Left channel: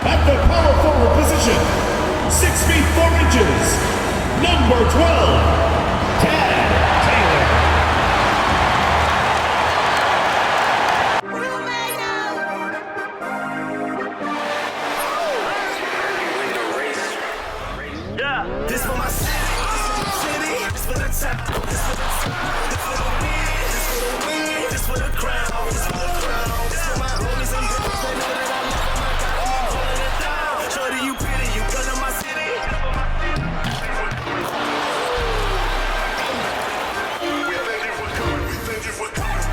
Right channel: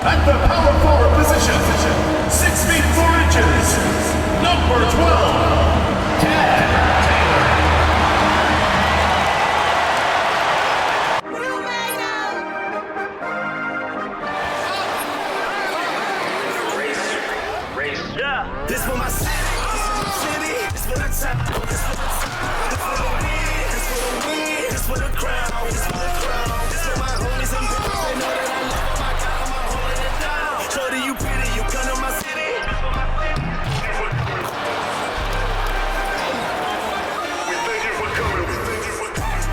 At the power forward position, 6 feet 4 inches, number 12, Ted Taylor. This for my city, this for the top, this for the win, this for the win, this for the crown, this for the crown, this for my homies and brothers, they know that I love them, I got them, I'm holding it down. Shorty, you pretty, you come to my city. We thank you for coming, we thank you for coming.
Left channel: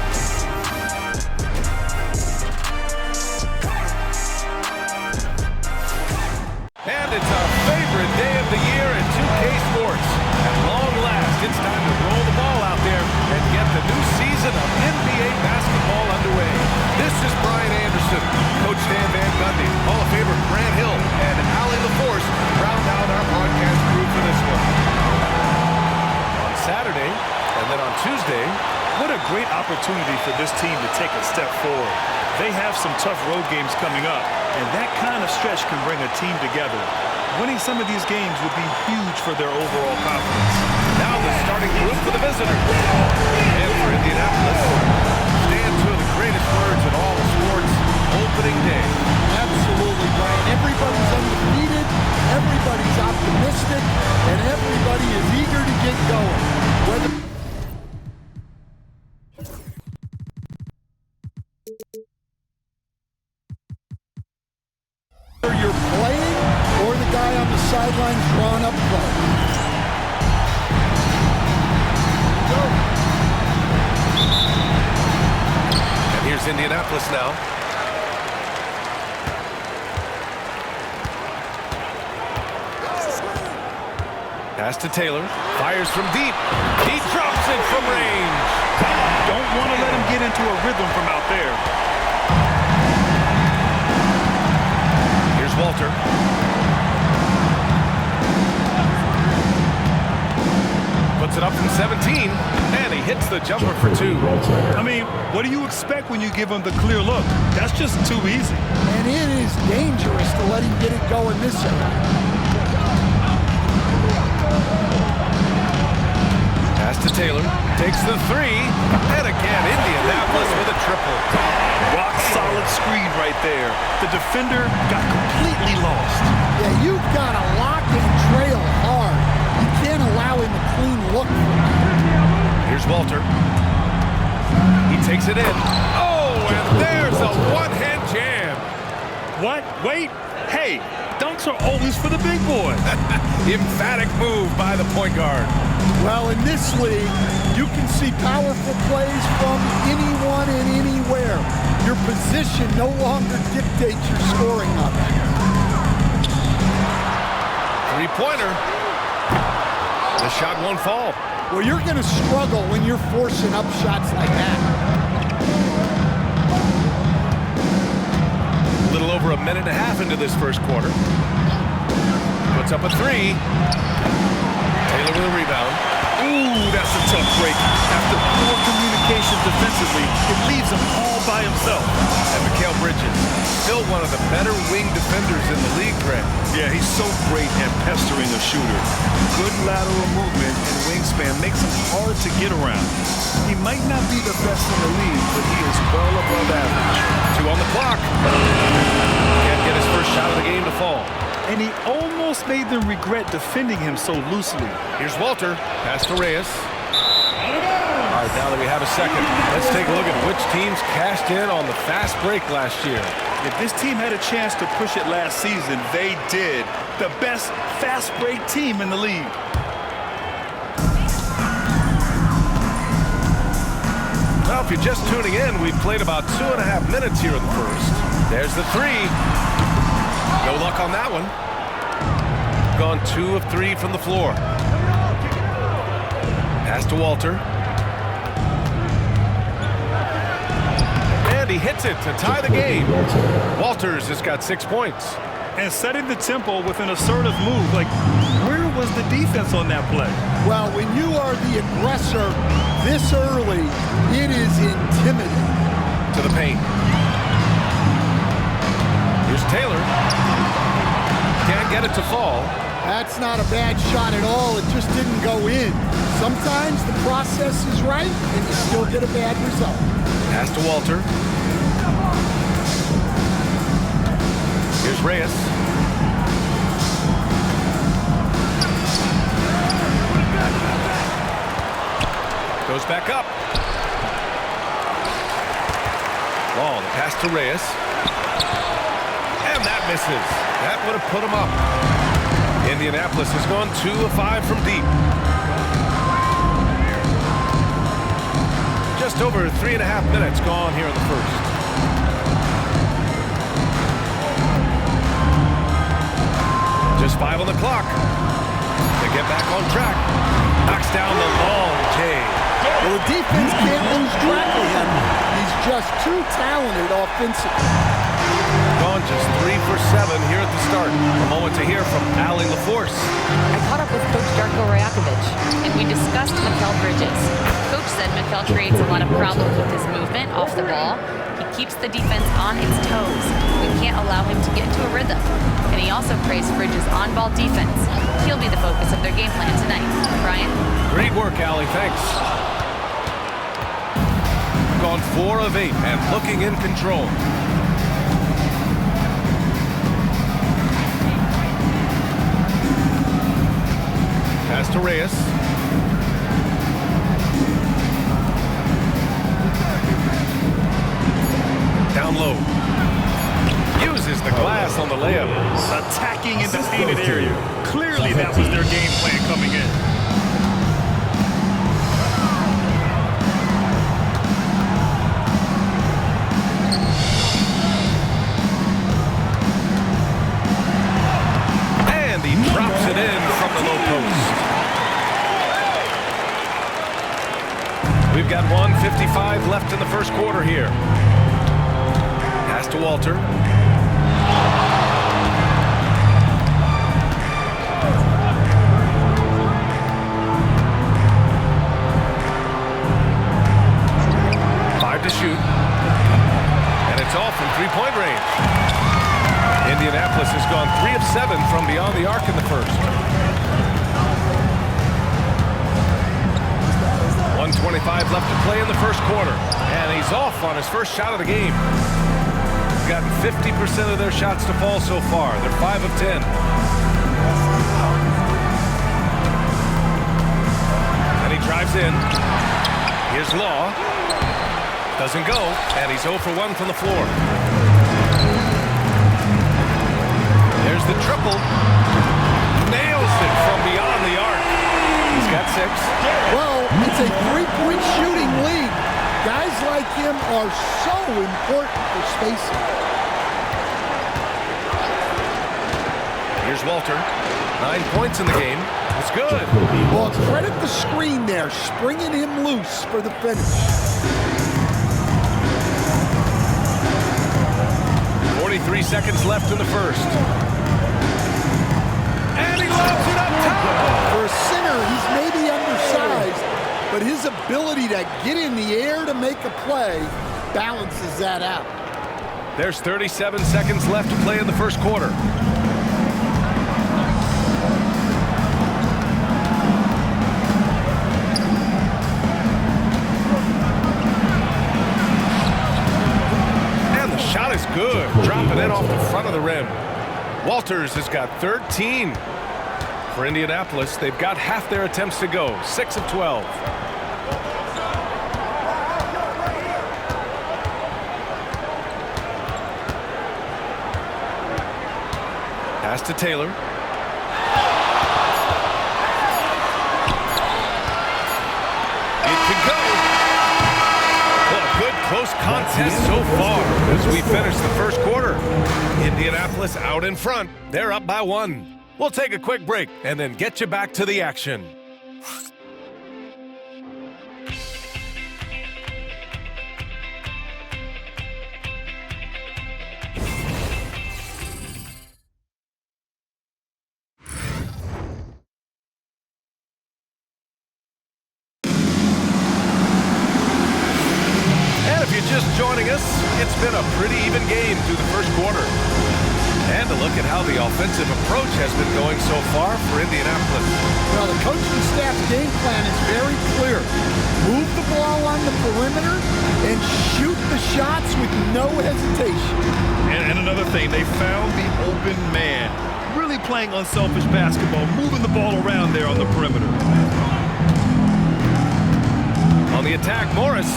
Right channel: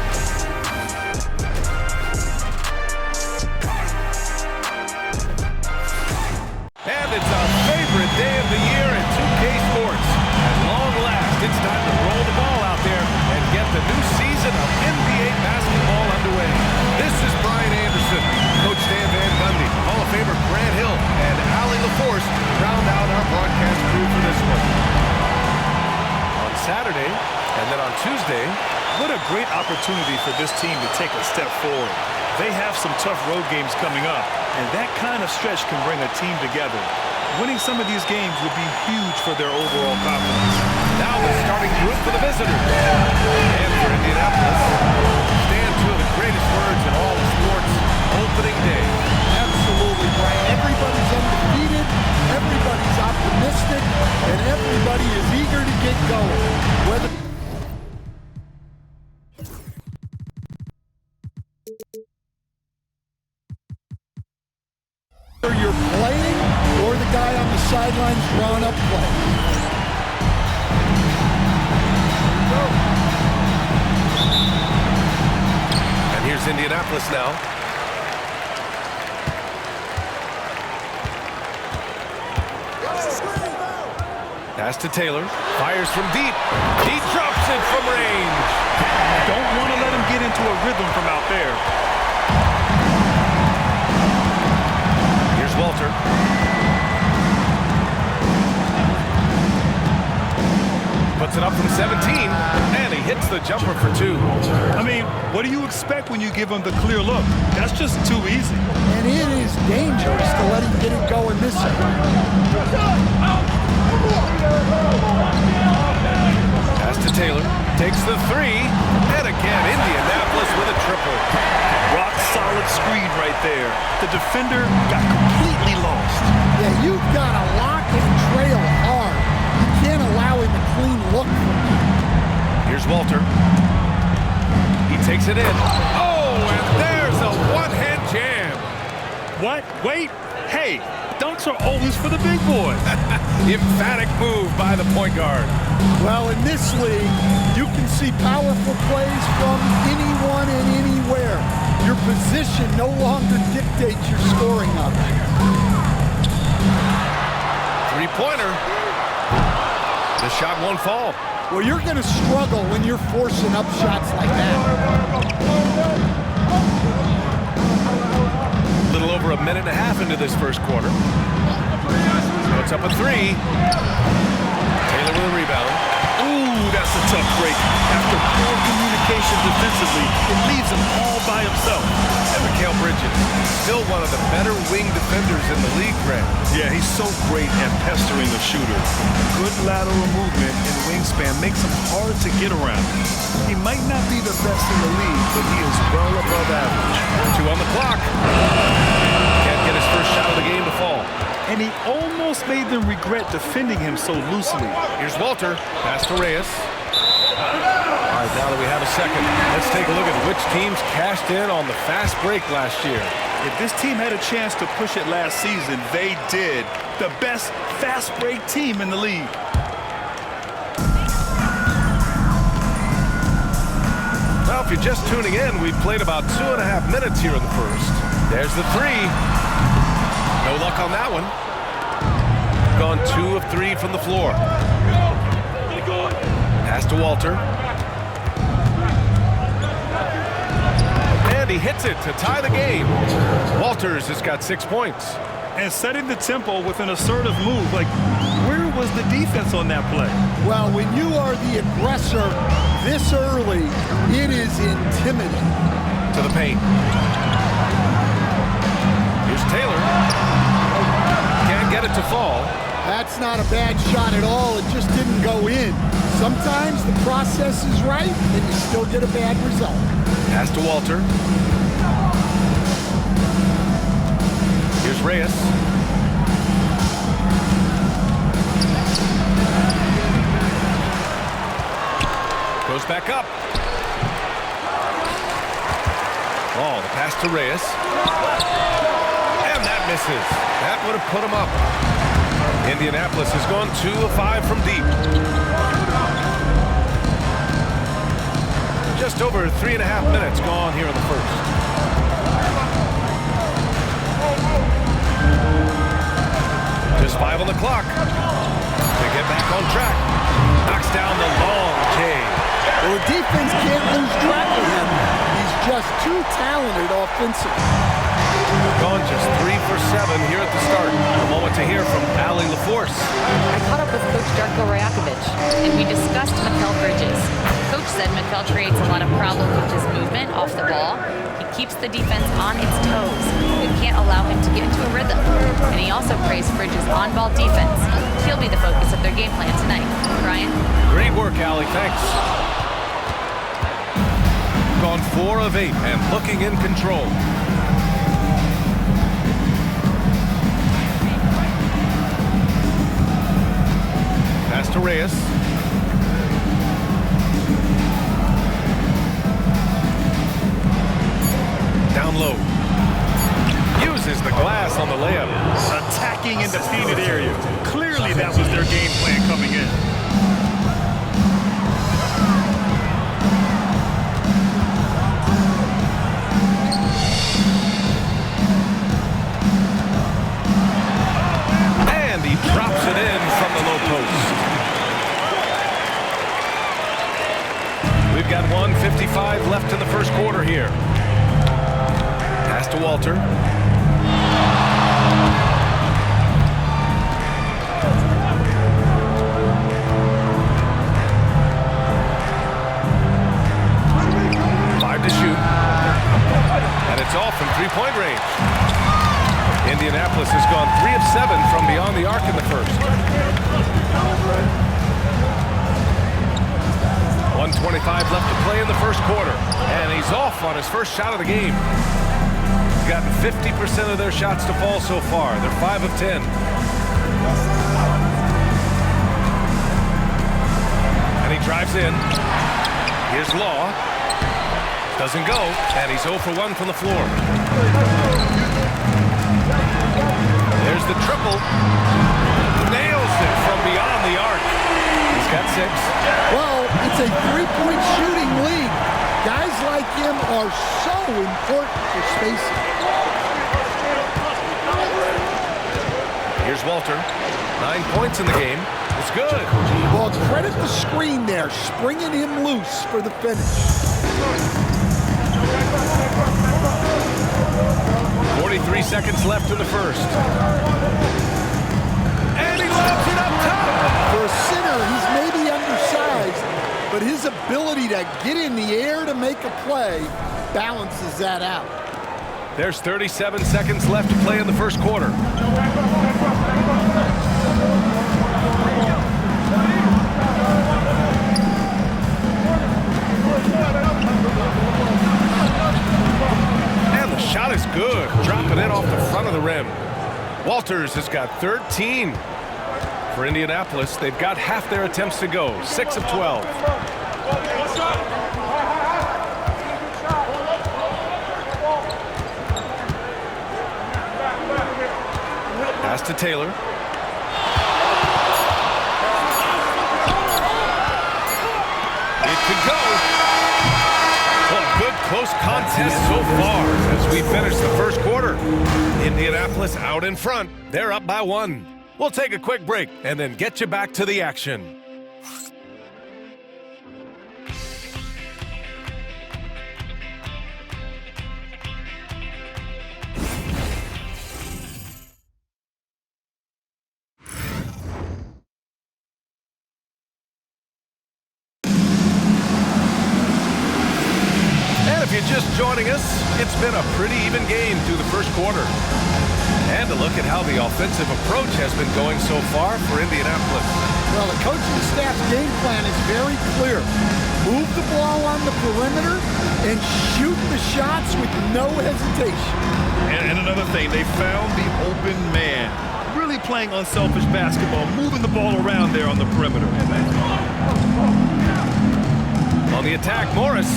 And it's our favorite day of the year in 2K Sports. At long last, it's time to roll the ball out there and get the new season of NBA basketball underway. This is Brian Anderson, Coach Stan Van Gundy, Hall of Famer Grandville, and Allie LaForce round out our broadcast crew for this one. On Saturday, and then on Tuesday, what a great opportunity for this team to take a step forward. They have some tough road games coming up, and that kind of stretch can bring a team together. Winning some of these games would be huge for their overall confidence. Now the starting group for the visitors. And for Indianapolis, stand two of the greatest words in all of sports, opening day. Absolutely, Brian. Everybody's undefeated, everybody's optimistic, and everybody is eager to get going. Whether you're playing or the guy on the sidelines drawing up plays. Here we go. And here's Indianapolis now. Pass to Taylor. Fires from deep. He drops it from range. Don't want to let him get into a rhythm from out there. Here's Walter. Puts it up from 17, and he hits the jumper for 2. I mean, what do you expect when you give him the clear look? That's just too easy. And it is dangerous to let him get it going this way. Pass to Taylor. Takes the 3. And again, Indianapolis with a triple. Rock solid screen right there. The defender got completely lost. Yeah, you've got to lock and trail hard. You can't allow him a clean look from you. Here's Walter. He takes it in. Oh, and there's a one-hand jam. What? Wait. Hey, dunks are always for the big boys. Emphatic move by the point guard. Well, in this league, you can see powerful plays from anyone and anywhere. Your position no longer dictates your scoring options. Three-pointer. The shot won't fall. Well, you're going to struggle when you're forcing up shots like that. A little over a minute and a half into this first quarter. Puts up a 3. Taylor with a rebound. Ooh, that's a tough break. After poor communication defensively, it leaves him all by himself. And Mikal Bridges, still one of the better wing defenders in the league, Grant. Yeah, he's so great at pestering a shooter. Good lateral movement and wingspan makes him hard to get around. He might not be the best in the league, but he is well above average. 2 on the clock. Can't get his first shot of the game to fall. And he almost made them regret defending him so loosely. Here's Walter. Pass to Reyes. All right, now that we have a second, let's take a look at which teams cashed in on the fast break last year. If this team had a chance to push it last season, they did. The best fast break team in the league. Well, if you're just tuning in, we've played about 2.5 minutes here in the first. There's the 3. No luck on that one. Gone 2 of 3 from the floor. Pass to Walter. And he hits it to tie the game. Walters has got 6 points. And setting the tempo with an assertive move. Like, where was the defense on that play? Well, when you are the aggressor this early, it is intimidating. To the paint. Here's Taylor. get it to fall. That's not a bad shot at all. It just didn't go in. Sometimes the process is right and you still get a bad result. Pass to Walter. Here's Reyes. Goes back up. Ball, the pass to Reyes. And that misses. That would have put him up. Indianapolis has gone 2 of 5 from deep. Just over 3.5 minutes gone here in the first. Just 5 on the clock. To get back on track. Knocks down the long J. Well, the defense can't lose track of him. He's just too talented offensively. Gone just 3 for 7 here at the start. A moment to hear from Allie LaForce. I caught up with Coach Darko Rajakovic, and we discussed Mikal Bridges. Coach said Mikal creates a lot of problems with his movement off the ball. He keeps the defense on its toes. We can't allow him to get into a rhythm. And he also praised Bridges' on-ball defense. He'll be the focus of their game plan tonight. Brian? Great work, Allie. Thanks. Gone 4 of 8 and looking in control. Pass to Reyes. Down low. Uses the glass on the layup. Attacking in the painted area. Clearly that was their game plan coming in. And he drops it in from the low post. We've got 1:55 left in the first quarter here. Pass to Walter. To shoot, and it's all from three-point range. Indianapolis has gone 3 of 7 from beyond the arc in the first. 1:25 left to play in the first quarter, and he's off on his first shot of the game. He's gotten 50% of their shots to fall so far. They're 5 of 10. And he drives in. Here's Law. Doesn't go, and he's 0 for 1 from the floor. There's the triple. Nails it from beyond the arc. He's got 6. Well, it's a three-point shooting league. Guys like him are so important for spacing. Here's Walter. 9 points in the game. It's good. Well, credit the screen there, springing him loose for the finish. 43 seconds left in the first. And he lobs it up top. For a center, he's maybe undersized, but his ability to get in the air to make a play balances that out. There's 37 seconds left to play in the first quarter. Shot is good, dropping it off the front of the rim. Walters has got 13. For Indianapolis, they've got half their attempts to go, 6 of 12. Pass to Taylor. It could go. Well, a good close contest so far as we finish the first quarter. Indianapolis out in front. They're up by 1. We'll take a quick break and then get you back to the action. If you're just joining us, it's been a pretty even game through the first quarter. And a look at how the offensive approach has been going so far for Indianapolis. Well, the coaching staff's game plan is very clear. Move the ball on the perimeter and shoot the shots with no hesitation. And another thing, they found the open man. Really playing unselfish basketball, moving the ball around there on the perimeter. On the attack, Morris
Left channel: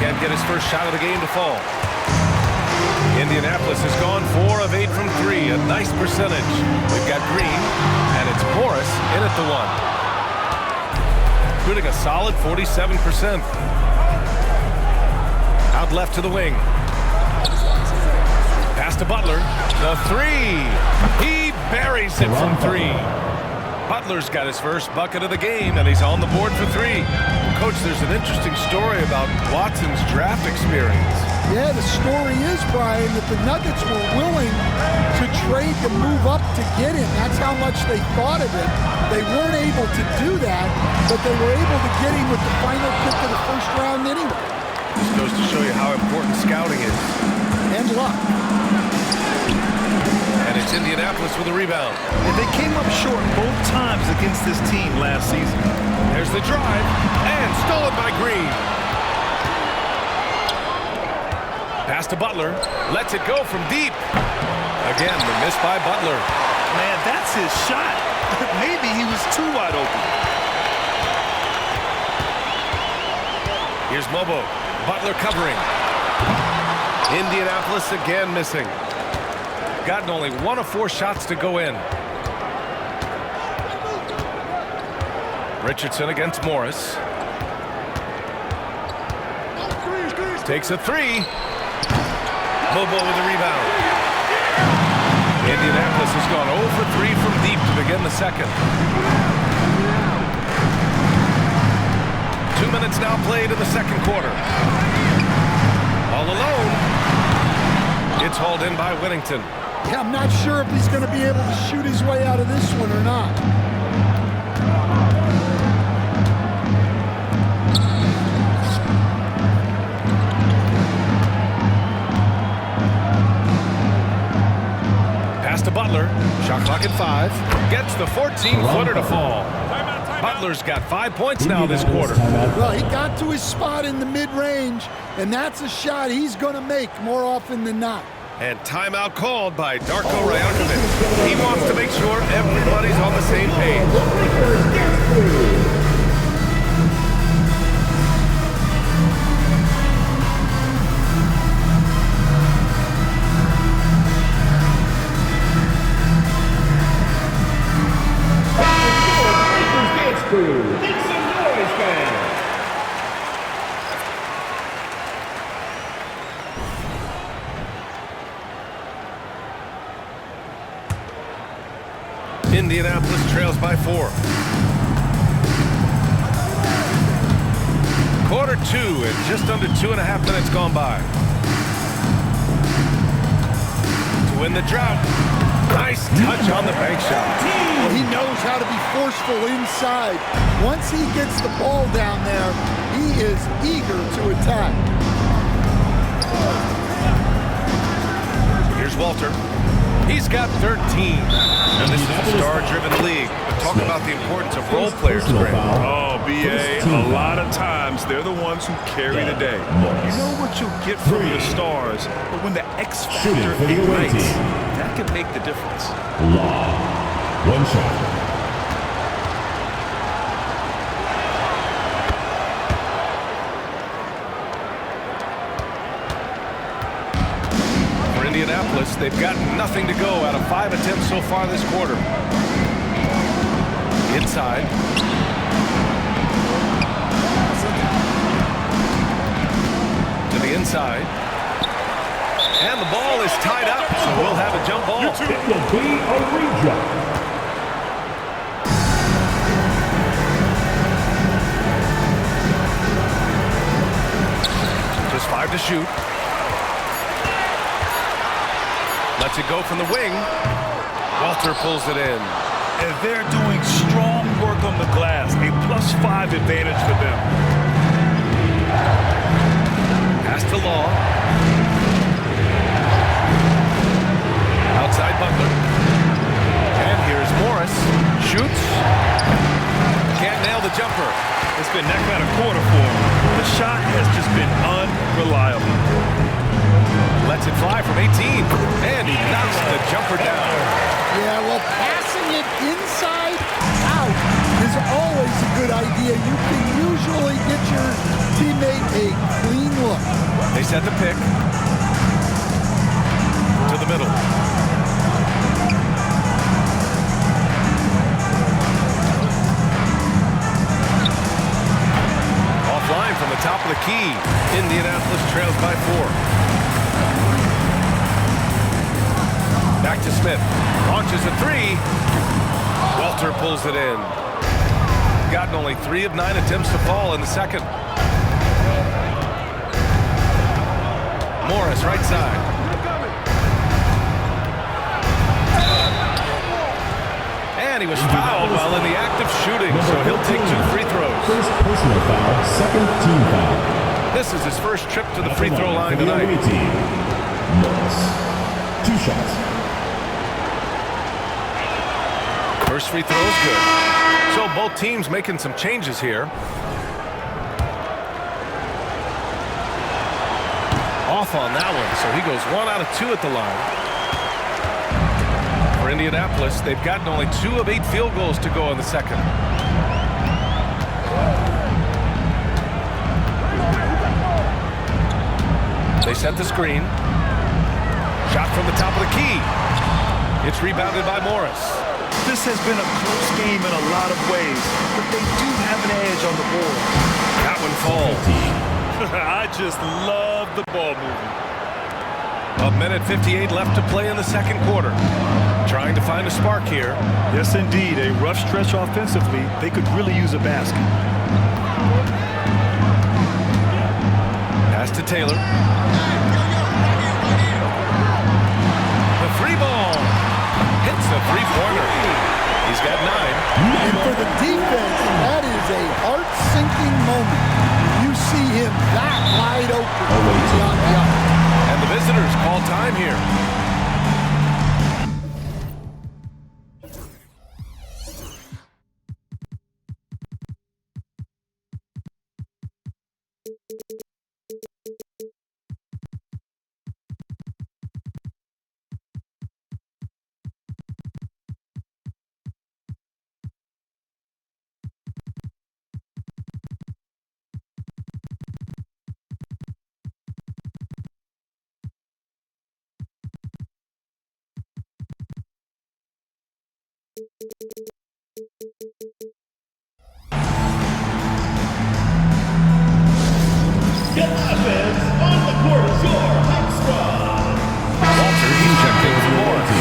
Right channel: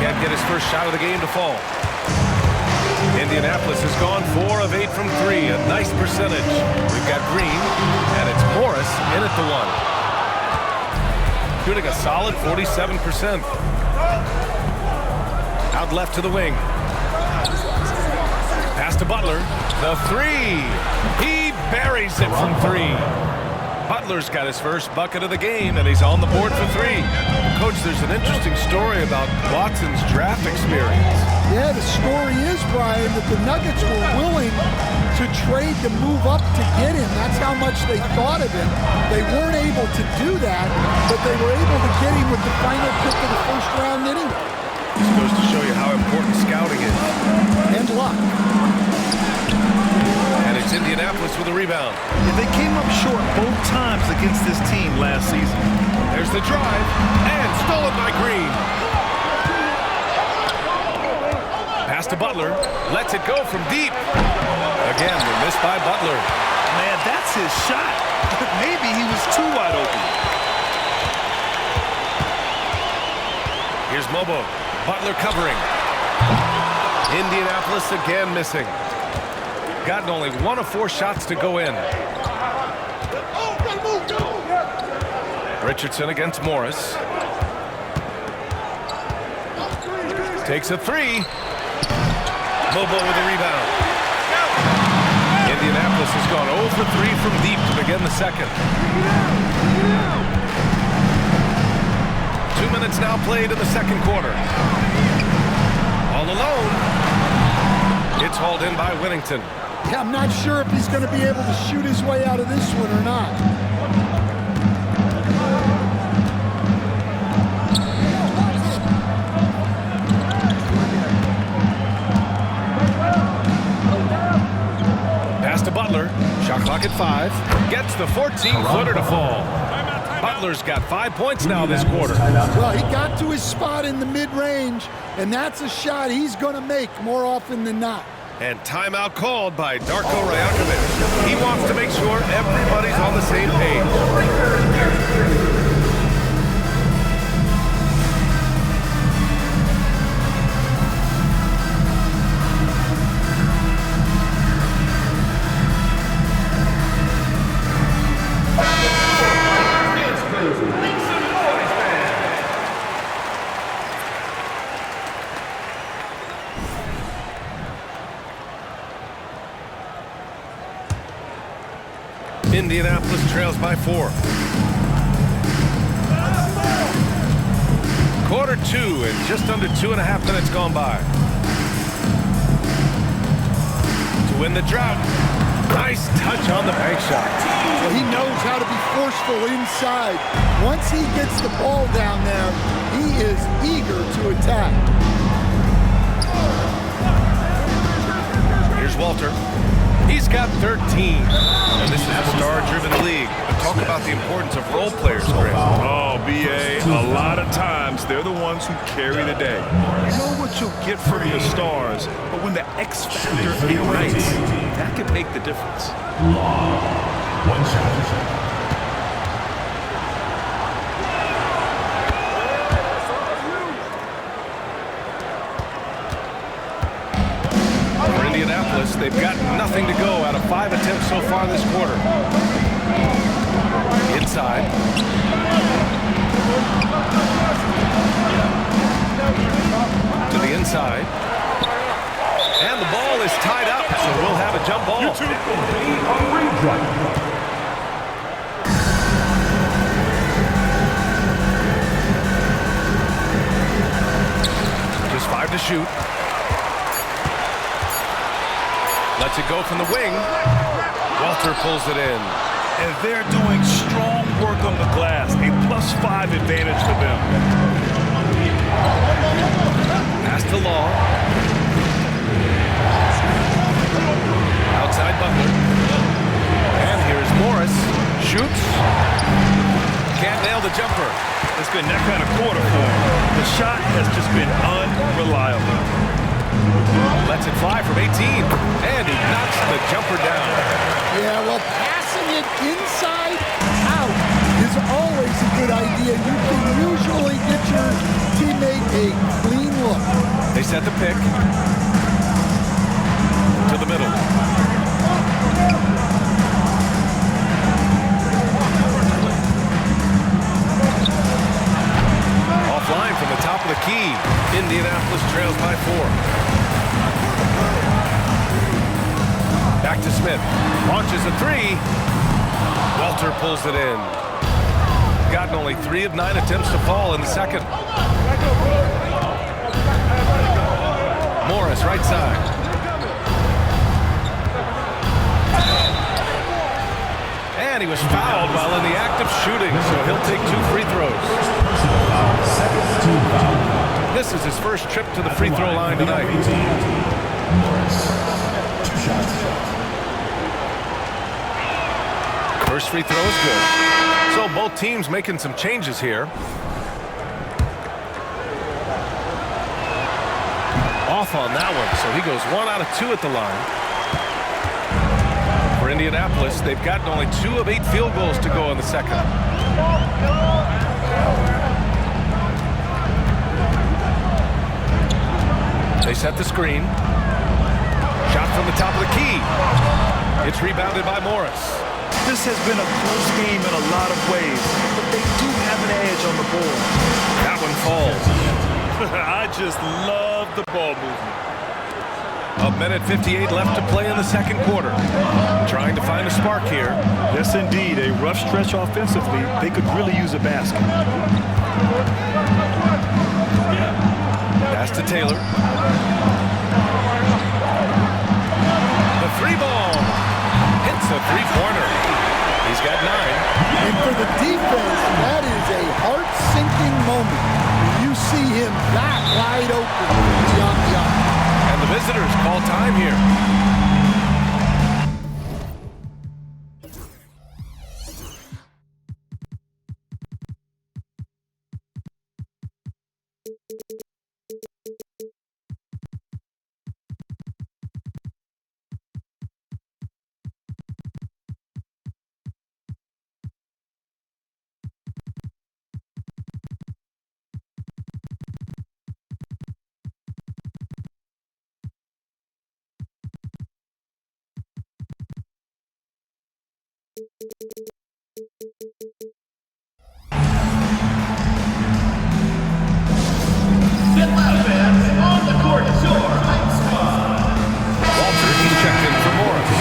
can't get his first shot of the game to fall. Indianapolis has gone 4 of 8 from 3, a nice percentage. We've got Green, and it's Morris in at the 1. Shooting a solid 47%. Out left to the wing. Pass to Butler. The 3. He buries it from 3. Butler's got his first bucket of the game, and he's on the board for 3. Well, Coach, there's an interesting story about Watson's draft experience. Yeah, the story is, Brian, that the Nuggets were willing to trade to move up to get him. That's how much they thought of him. They weren't able to do that, but they were able to get him with the final pick of the first round anyway. This goes to show you how important scouting is. And luck. And it's Indianapolis with a rebound. And they came up short both times against this team last season. There's the drive, and stolen by Green. Pass to Butler, lets it go from deep. Again, the miss by Butler. Man, that's his shot. Maybe he was too wide open. Here's Mobo. Butler covering. Indianapolis again missing. Gotten only 1 of 4 shots to go in. Richardson against Morris. Takes a 3. Mobo with a rebound. Indianapolis has gone 0 for 3 from deep to begin the second. 2 minutes now played in the second quarter. All alone. It's hauled in by Whittington. Yeah, I'm not sure if he's going to be able to shoot his way out of this one or not. Pass to Butler. Shot clock at 5. Gets the 14-footer to fall. Butler's got 5 points now this quarter. Well, he got to his spot in the mid-range, and that's a shot he's going to make more often than not. And timeout called by Darko Rajakovic. He wants to make sure everybody's on the same page. Indianapolis trails by 4. Quarter 2 and just under 2.5 minutes gone by. To win the drought. Nice touch on the bank shot. Well, he knows how to be forceful inside. Once he gets the ball down there, he is eager to attack. Here's Walter. He's got 13. And this is a star-driven league. But talk about the importance of role players, Grant. Oh, B.A., a lot of times they're the ones who carry the day. You know what you'll get from your stars, but when the X factor ignites, that can make the difference. Long. 1 shot. Indianapolis, they've got nothing to go out of 5 attempts so far this quarter. Inside. To the inside. And the ball is tied up, so we'll have a jump ball. It will be a reject. Just 5 to shoot. Lets it go from the wing. Walter pulls it in. And they're doing strong work on the glass. A +5 advantage for them. Pass to Law. Shoots. Can't nail the jumper. It's been that kind of quarter for him. The shot has just been unreliable. Lets it fly from 18, and he knocks the jumper down. Yeah, well, passing it inside out is always a good idea. You can usually get your teammate a clean look. They set the pick to the middle. Offline from the top of the key. Indianapolis trails by 4. Back to Smith. Launches a 3. Walter pulls it in. Gotten only 3 of 9 attempts to fall in the second. Morris, right side. And he was fouled while in the act of shooting, so he'll take 2 free throws. First personal foul, second team foul. This is his first trip to the free throw line tonight. Morris. 2 shots. First free throw is good. So both teams making some changes here. Off on that one, so he goes 1 out of 2 at the line. For Indianapolis, they've gotten only 2 of 8 field goals to go in the second. They set the screen. Shot from the top of the key. It's rebounded by Morris. This has been a close game in a lot of ways, but they do have an edge on the board. That one falls. I just love the ball movement. 1:58 left to play in the second quarter. Trying to find a spark here. Yes, indeed. A rough stretch offensively. They could really use a basket. Pass to Taylor. The 3-ball. Hits a 3-pointer. He's got 9. And for the defense, that is a heart-sinking moment when you see him that wide open beyond the arc. And the visitors call time here. Get loud, fans. On the court is your hype squad. Walter, he's checked in for Morris.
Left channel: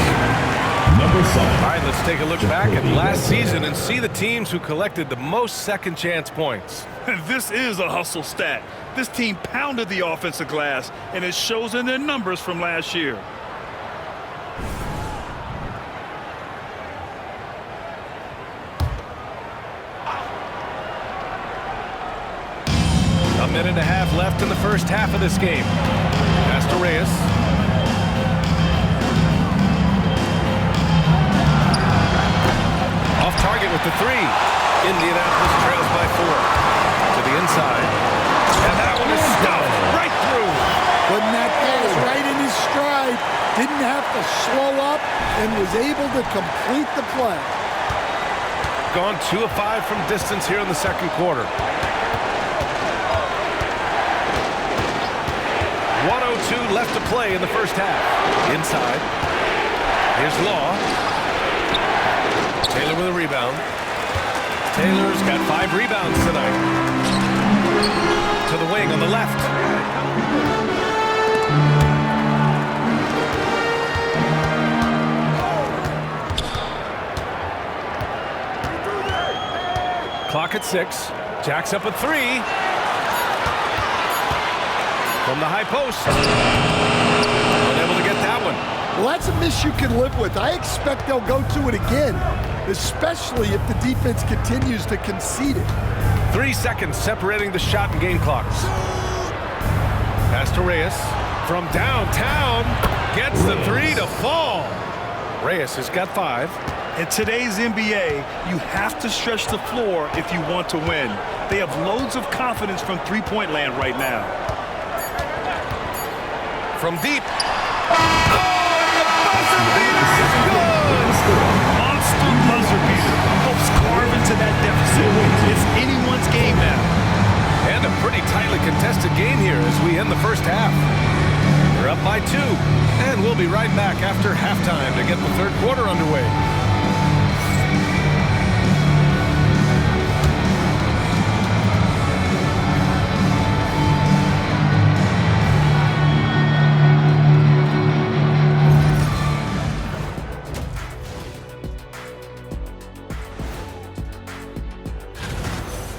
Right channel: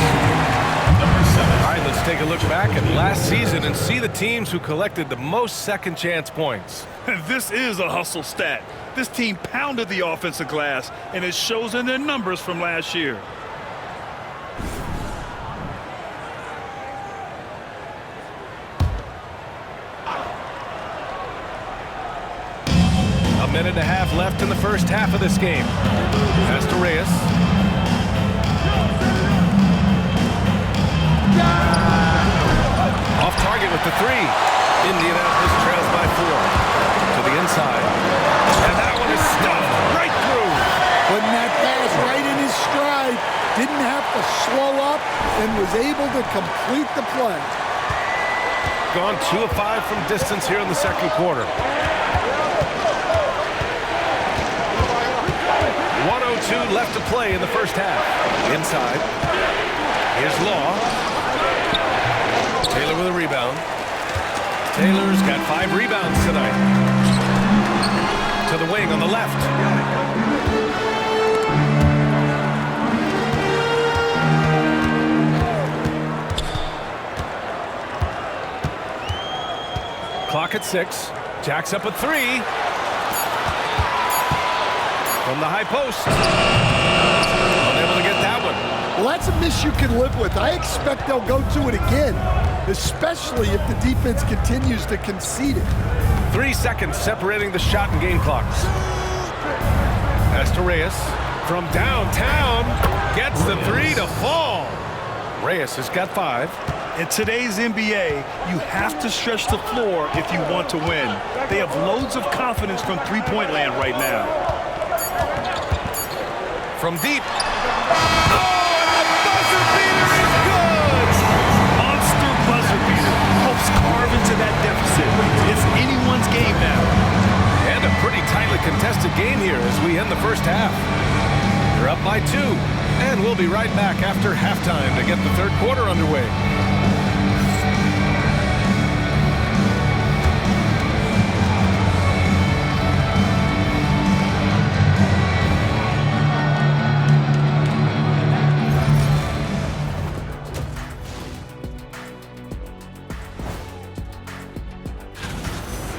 Number 7. All right, let's take a look back at last season and see the teams who collected the most second chance points. This is a hustle stat. This team pounded the offensive glass, and it shows in their numbers from last year. A minute and a half left in the first half of this game. Pass to Reyes. Off target with the 3. Indianapolis trails by 4. To the inside. And that one is stuffed right through. Putting that pass right in his stride. Didn't have to slow up and was able to complete the play. Gone 2 of 5 from distance here in the second quarter. 1:02 left to play in the first half. Inside. Here's Law. Taylor with a rebound. Taylor's got 5 rebounds tonight. To the wing on the left. Clock at 6. Jacks up a 3. From the high post. Unable to get that one. Well, that's a miss you can live with. I expect they'll go to it again, especially if the defense continues to concede it. 3 seconds separating the shot and game clocks. Pass to Reyes. From downtown. Gets the 3 to fall. Reyes has got 5. In today's NBA, you have to stretch the floor if you want to win. They have loads of confidence from three-point land right now. From deep. Oh, and the buzzer beater is good! Monster buzzer beater helps carve into that deficit. It's anyone's game now. And a pretty tightly contested game here as we end the first half. They're up by 2, and we'll be right back after halftime to get the third quarter underway.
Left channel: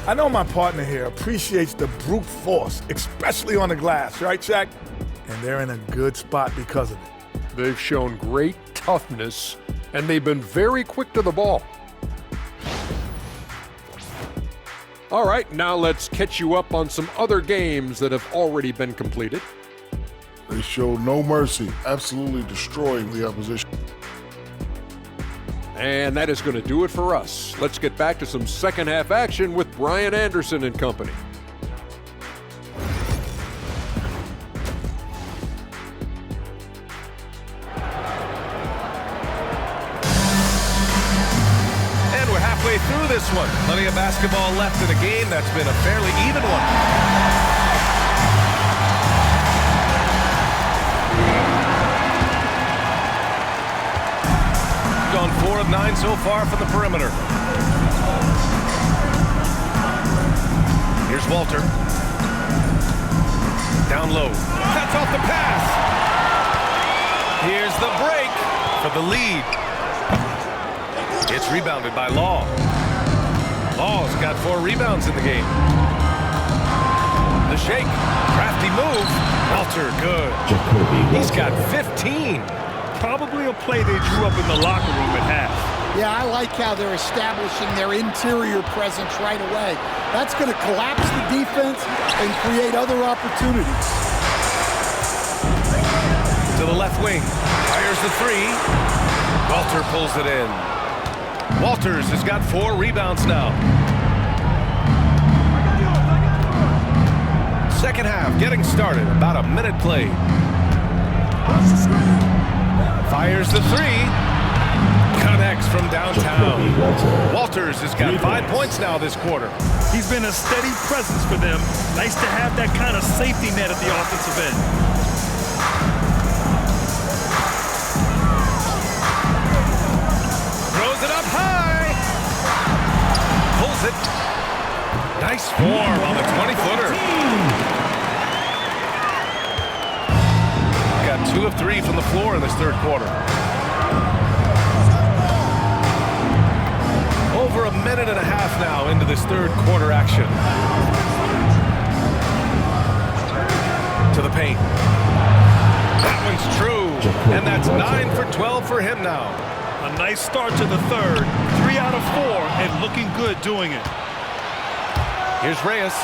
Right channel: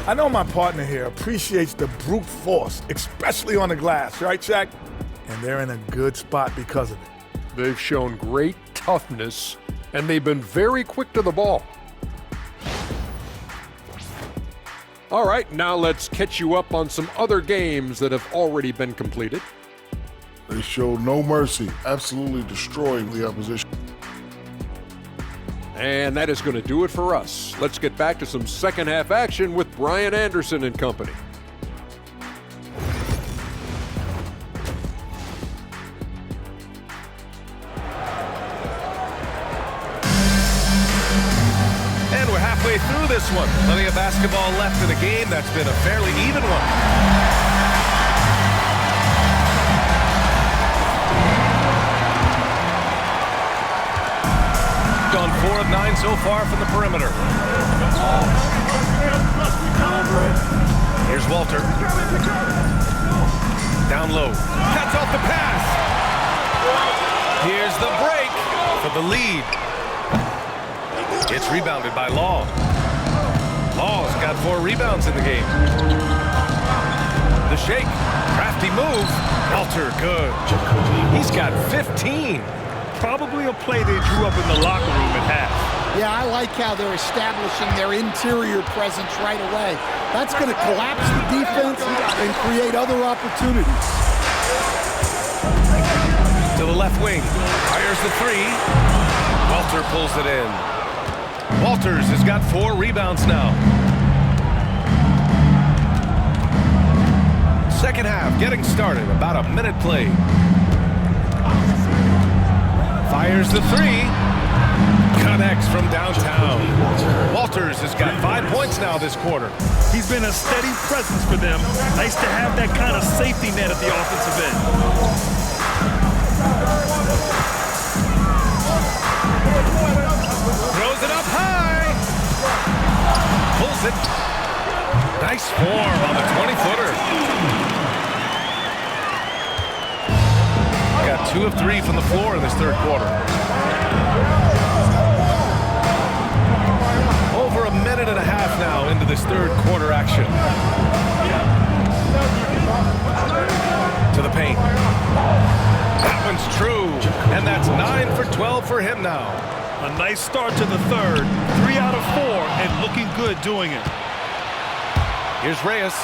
I know my partner here appreciates the brute force, especially on the glass, right, Shaq? And they're in a good spot because of it. They've shown great toughness, and they've been very quick to the ball. All right, now let's catch you up on some other games that have already been completed. They showed no mercy, absolutely destroying the opposition. And that is going to do it for us. Let's get back to some second half action with Brian Anderson and company. And we're halfway through this one. Plenty of basketball left in a game that's been a fairly even one. Gone 4 of 9 so far from the perimeter. Here's Walter. Down low. Cuts off the pass. Here's the break for the lead. It's rebounded by Law. Law's got 4 rebounds in the game. The shake. Crafty move. Walter, good. He's got 15. Probably a play they drew up in the locker room at half. Yeah, I like how they're establishing their interior presence right away. That's going to collapse the defense and create other opportunities. To the left wing. Fires the 3. Walter pulls it in. Walters has got 4 rebounds now. Second half getting started. About a minute played. Fires the 3. Connects from downtown. Walters has got 5 points now this quarter. He's been a steady presence for them. Nice to have that kind of safety net at the offensive end. Throws it up high. Pulls it. Nice form on the 20-footer. Got 2 of 3 from the floor in this third quarter. Over a minute and a half now into this third quarter action. To the paint. That one's true. And that's 9 for 12 for him now. A nice start to the third. 3 out of 4 and looking good doing it. Here's Reyes.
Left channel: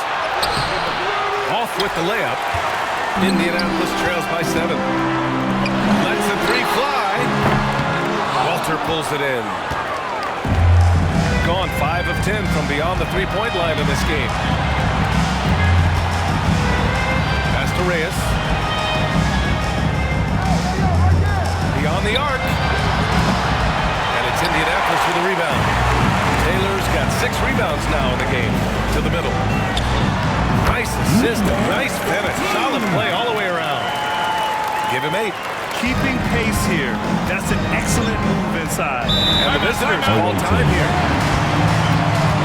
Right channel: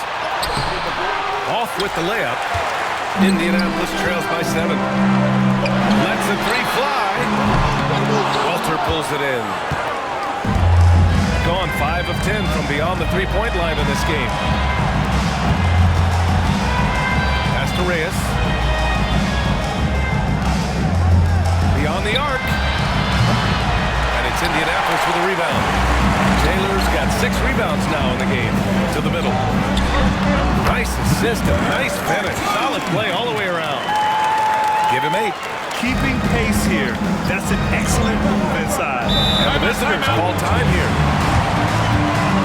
Off with the layup. Indianapolis trails by 7. Lets the 3 fly. Walter pulls it in. Gone 5 of 10 from beyond the 3-point line in this game. Pass to Reyes. Beyond the arc. And it's Indianapolis with a rebound. Taylor's got 6 rebounds now in the game. To the middle. Nice assist, a nice finish. Solid play all the way around. Give him 8. Keeping pace here. That's an excellent move inside. And the visitors call time here.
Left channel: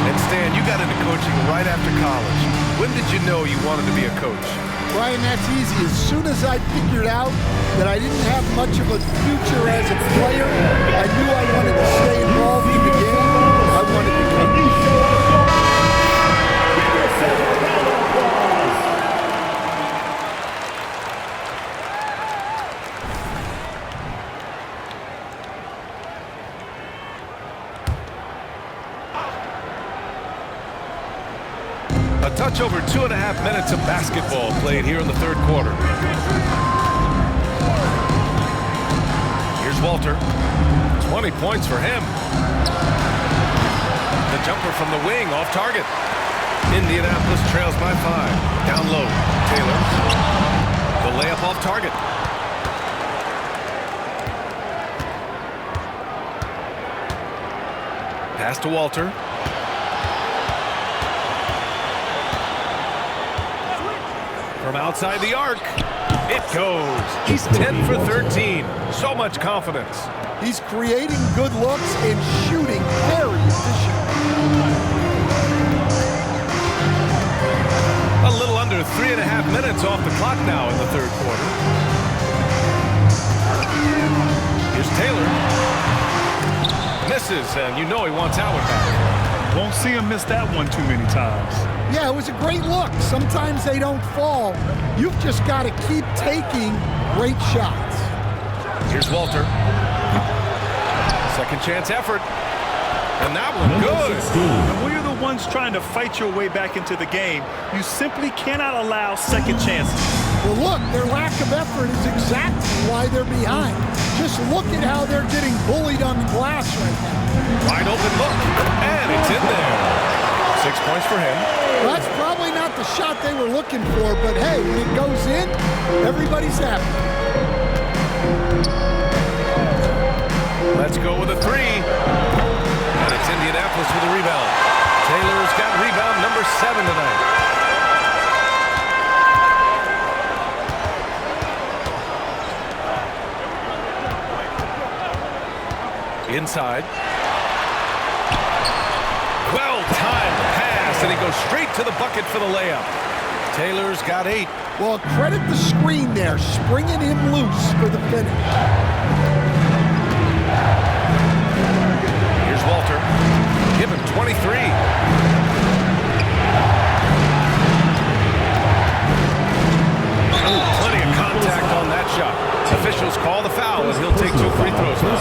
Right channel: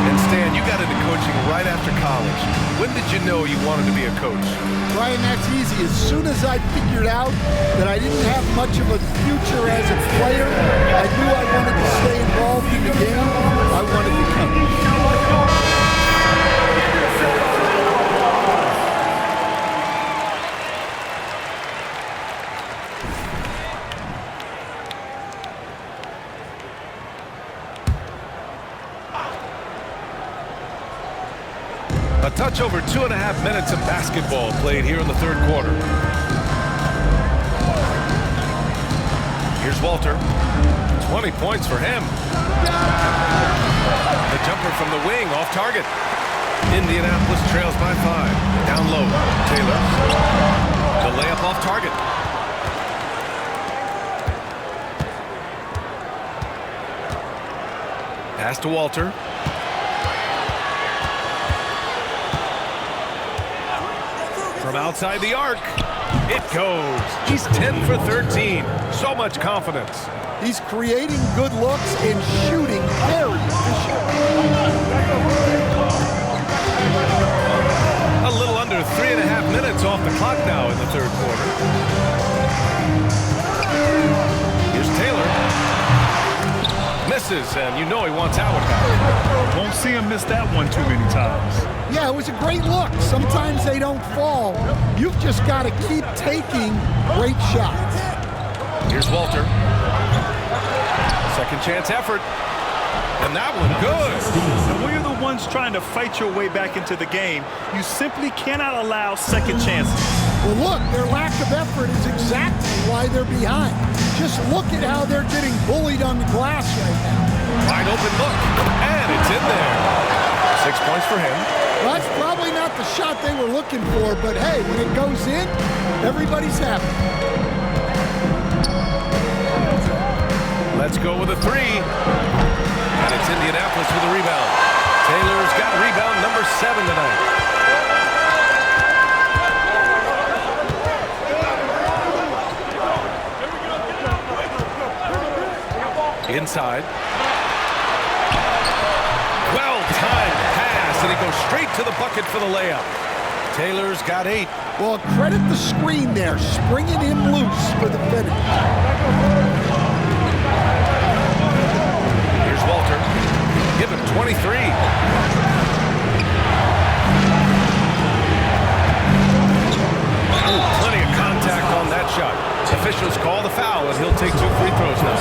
And Stan, you got into coaching right after college. When did you know you wanted to be a coach? Brian, that's easy. As soon as I figured out that I didn't have much of a future as a player, I knew I wanted to stay involved in the game. I wanted to coach. A touch over 2.5 minutes of basketball played here in the third quarter. Here's Walter. 20 points for him. The jumper from the wing off target. Indianapolis trails by 5. Down low, Taylor. The layup off target. Pass to Walter. From outside the arc, it goes. He's 10 for 13. So much confidence. He's creating good looks and shooting very efficient. A little under 3.5 minutes off the clock now in the third quarter. Here's Taylor. Misses, and you know he wants that one back. Won't see him miss that one too many times. Yeah, it was a great look. Sometimes they don't fall. You've just got to keep taking great shots. Here's Walter. Second chance effort. And that one good. And when you're the ones trying to fight your way back into the game, you simply cannot allow second chances. Well, look, their lack of effort is exactly why they're behind. Just look at how they're getting bullied on the glass right now. Wide open look, and it's in there. 6 points for him. Well, that's probably not the shot they were looking for, but hey, when it goes in, everybody's happy. Let's go with a 3. And it's Indianapolis with a rebound. Taylor's got rebound number 7 tonight. Inside. Well-timed pass, and he goes straight to the bucket for the layup. Taylor's got 8. Well, credit the screen there, springing him loose for the finish. Here's Walter. Give him 23. Ooh, plenty of contact on that shot. Officials call the foul, and he'll take 2 free throws now.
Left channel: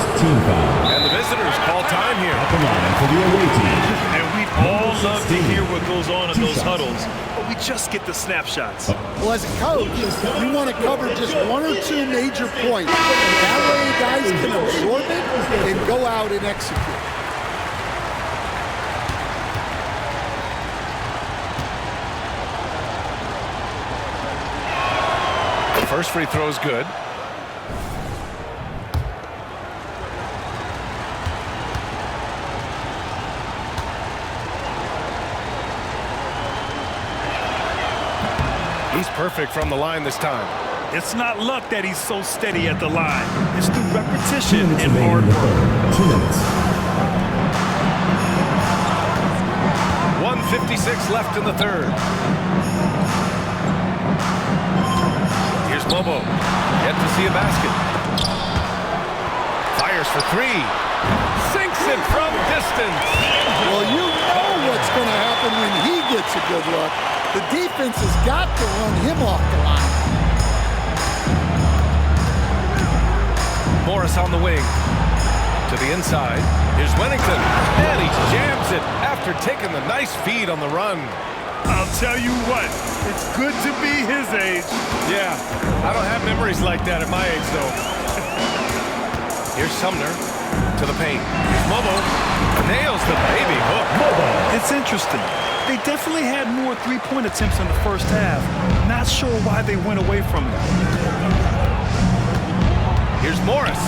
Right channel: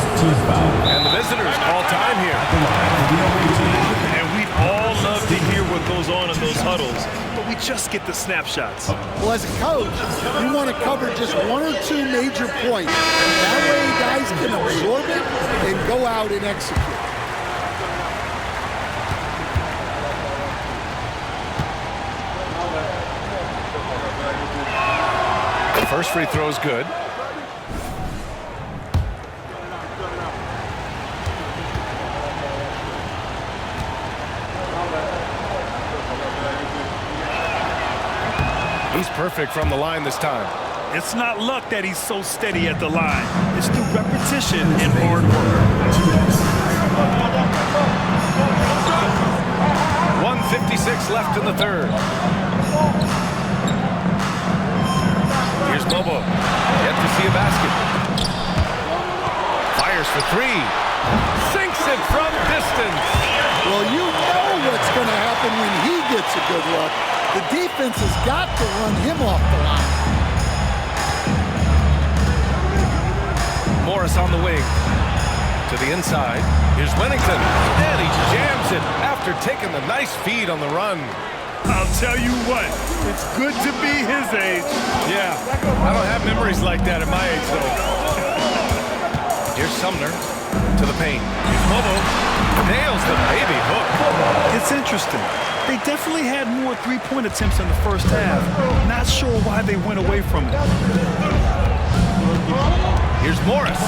And the visitors call time here. And we'd all love to hear what goes on in those huddles, but we just get the snapshots. Well, as a coach, you want to cover just 1 or 2 major points. That way guys can absorb it and go out and execute. The first free throw is good. He's perfect from the line this time. It's not luck that he's so steady at the line. It's through repetition and hard work. 1:56 left in the third. Here's Bobo. Yet to see a basket. Fires for 3. Sinks it from distance. Well, you know what's going to happen when he gets a good look. The defense has got to run him off the line. Morris on the wing. To the inside. Here's Wennington. And he jams it after taking the nice feed on the run. I'll tell you what, it's good to be his age. Yeah, I don't have memories like that at my age, though. Here's Sumner to the paint. Here's Mobo. Nails the baby hook. It's interesting. They definitely had more three-point attempts in the first half. Not sure why they went away from it. Here's Morris.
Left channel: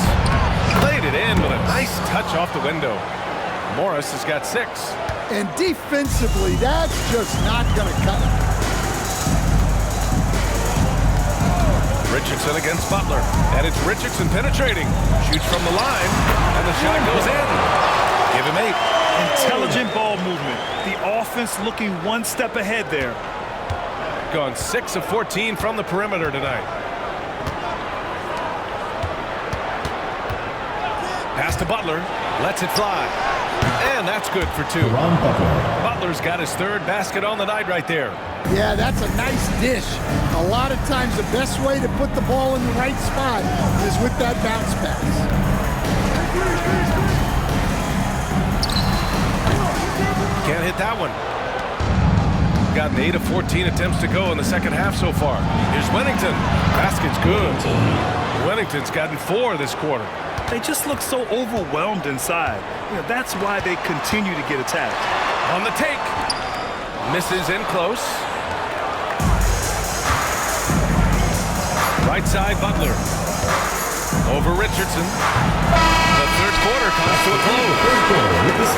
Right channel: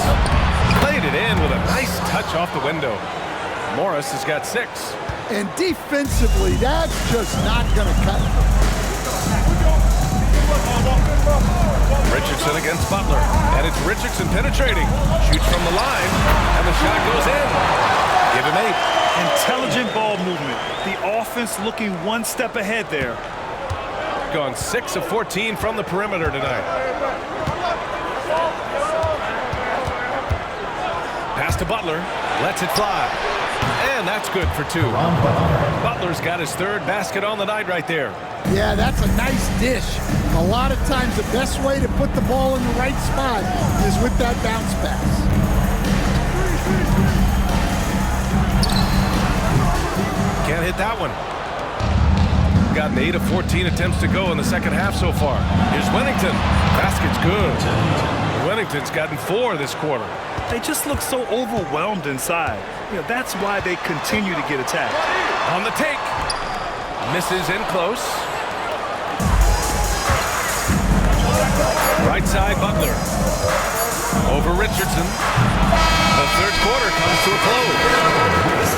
Played it in with a nice touch off the window. Morris has got 6. And defensively, that's just not going to cut it. Richardson against Butler. And it's Richardson penetrating. Shoots from the line. And the shot goes in. Give him 8. Intelligent ball movement. The offense looking one step ahead there. Gone 6 of 14 from the perimeter tonight. Pass to Butler. Lets it fly. And that's good for 2. Butler's got his 3rd basket on the night right there. Yeah, that's a nice dish. A lot of times the best way to put the ball in the right spot is with that bounce pass. Can't hit that one. Gotten 8 of 14 attempts to go in the second half so far. Here's Wennington. Basket's good. Wennington's gotten 4 this quarter. they just look so overwhelmed inside. That's why they continue to get attacked. On the take. Misses in close. Right side, Butler. Over Richardson. The third quarter comes to a close.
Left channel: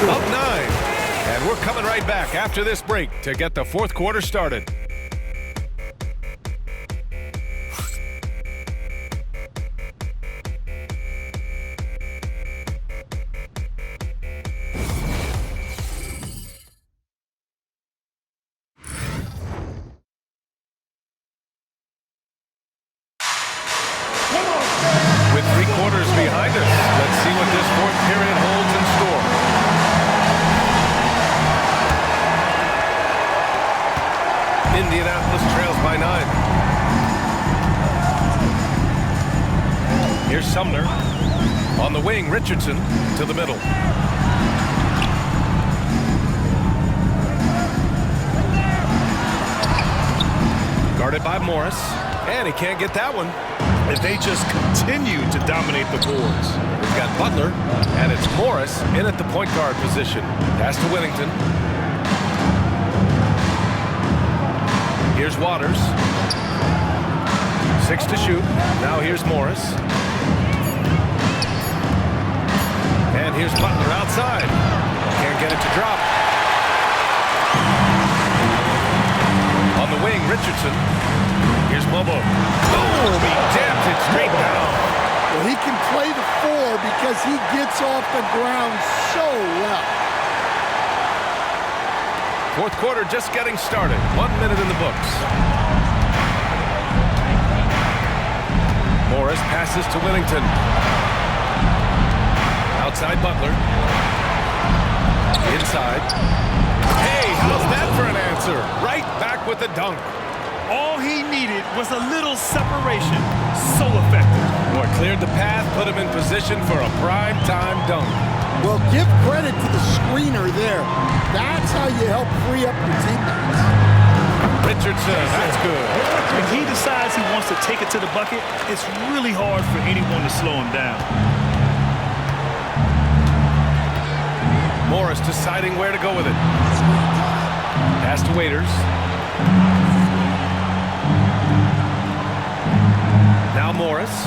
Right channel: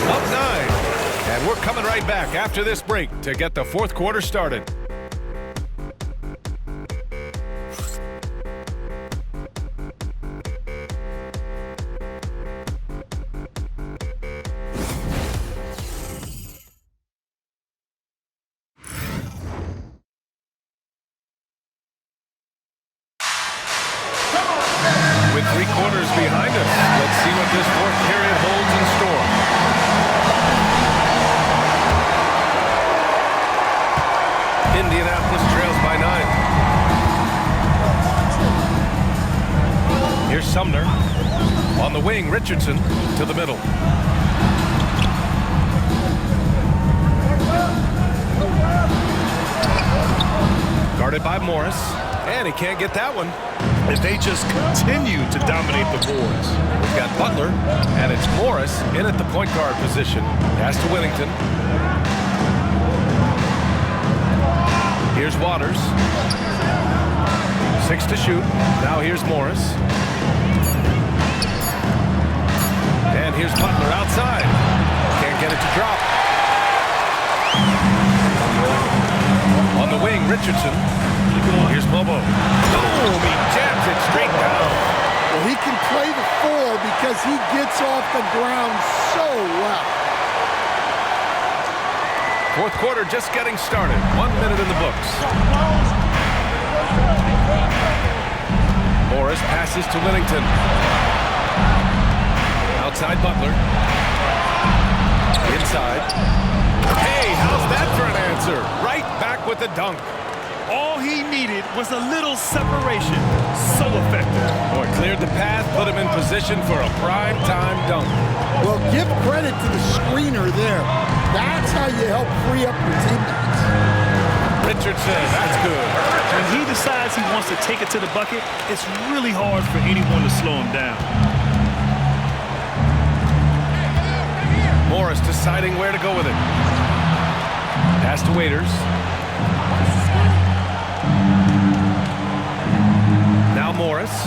Up 9. And we're coming right back after this break to get the fourth quarter started. With 3 quarters behind us, let's see what this fourth period holds in store. Indianapolis trails by 9. Here's Sumner. On the wing, Richardson to the middle. Guarded by Morris, and he can't get that one. If they just continue to dominate the boards. We've got Butler, and it's Morris in at the point guard position. Pass to Whittington. Here's Waters. 6 to shoot. Now here's Morris. And here's Butler outside. Can't get it to drop. On the wing, Richardson. Here's Bobo. Boom! He jams it straight down. Well, he can play the 4 because he gets off the ground so well. Fourth quarter just getting started. 1 minute in the books. Morris passes to Whittington. Outside Butler. Inside. Hey, how's that for an answer? Right back with the dunk. All he needed was a little separation. So effective. Boy, cleared the path, put him in position for a prime-time dunk. Well, give credit to the screener there. That's how you help free up your teammates. Richardson, that's good. When he decides he wants to take it to the bucket, it's really hard for anyone to slow him down. Morris deciding where to go with it. Pass to Waiters. Now Morris.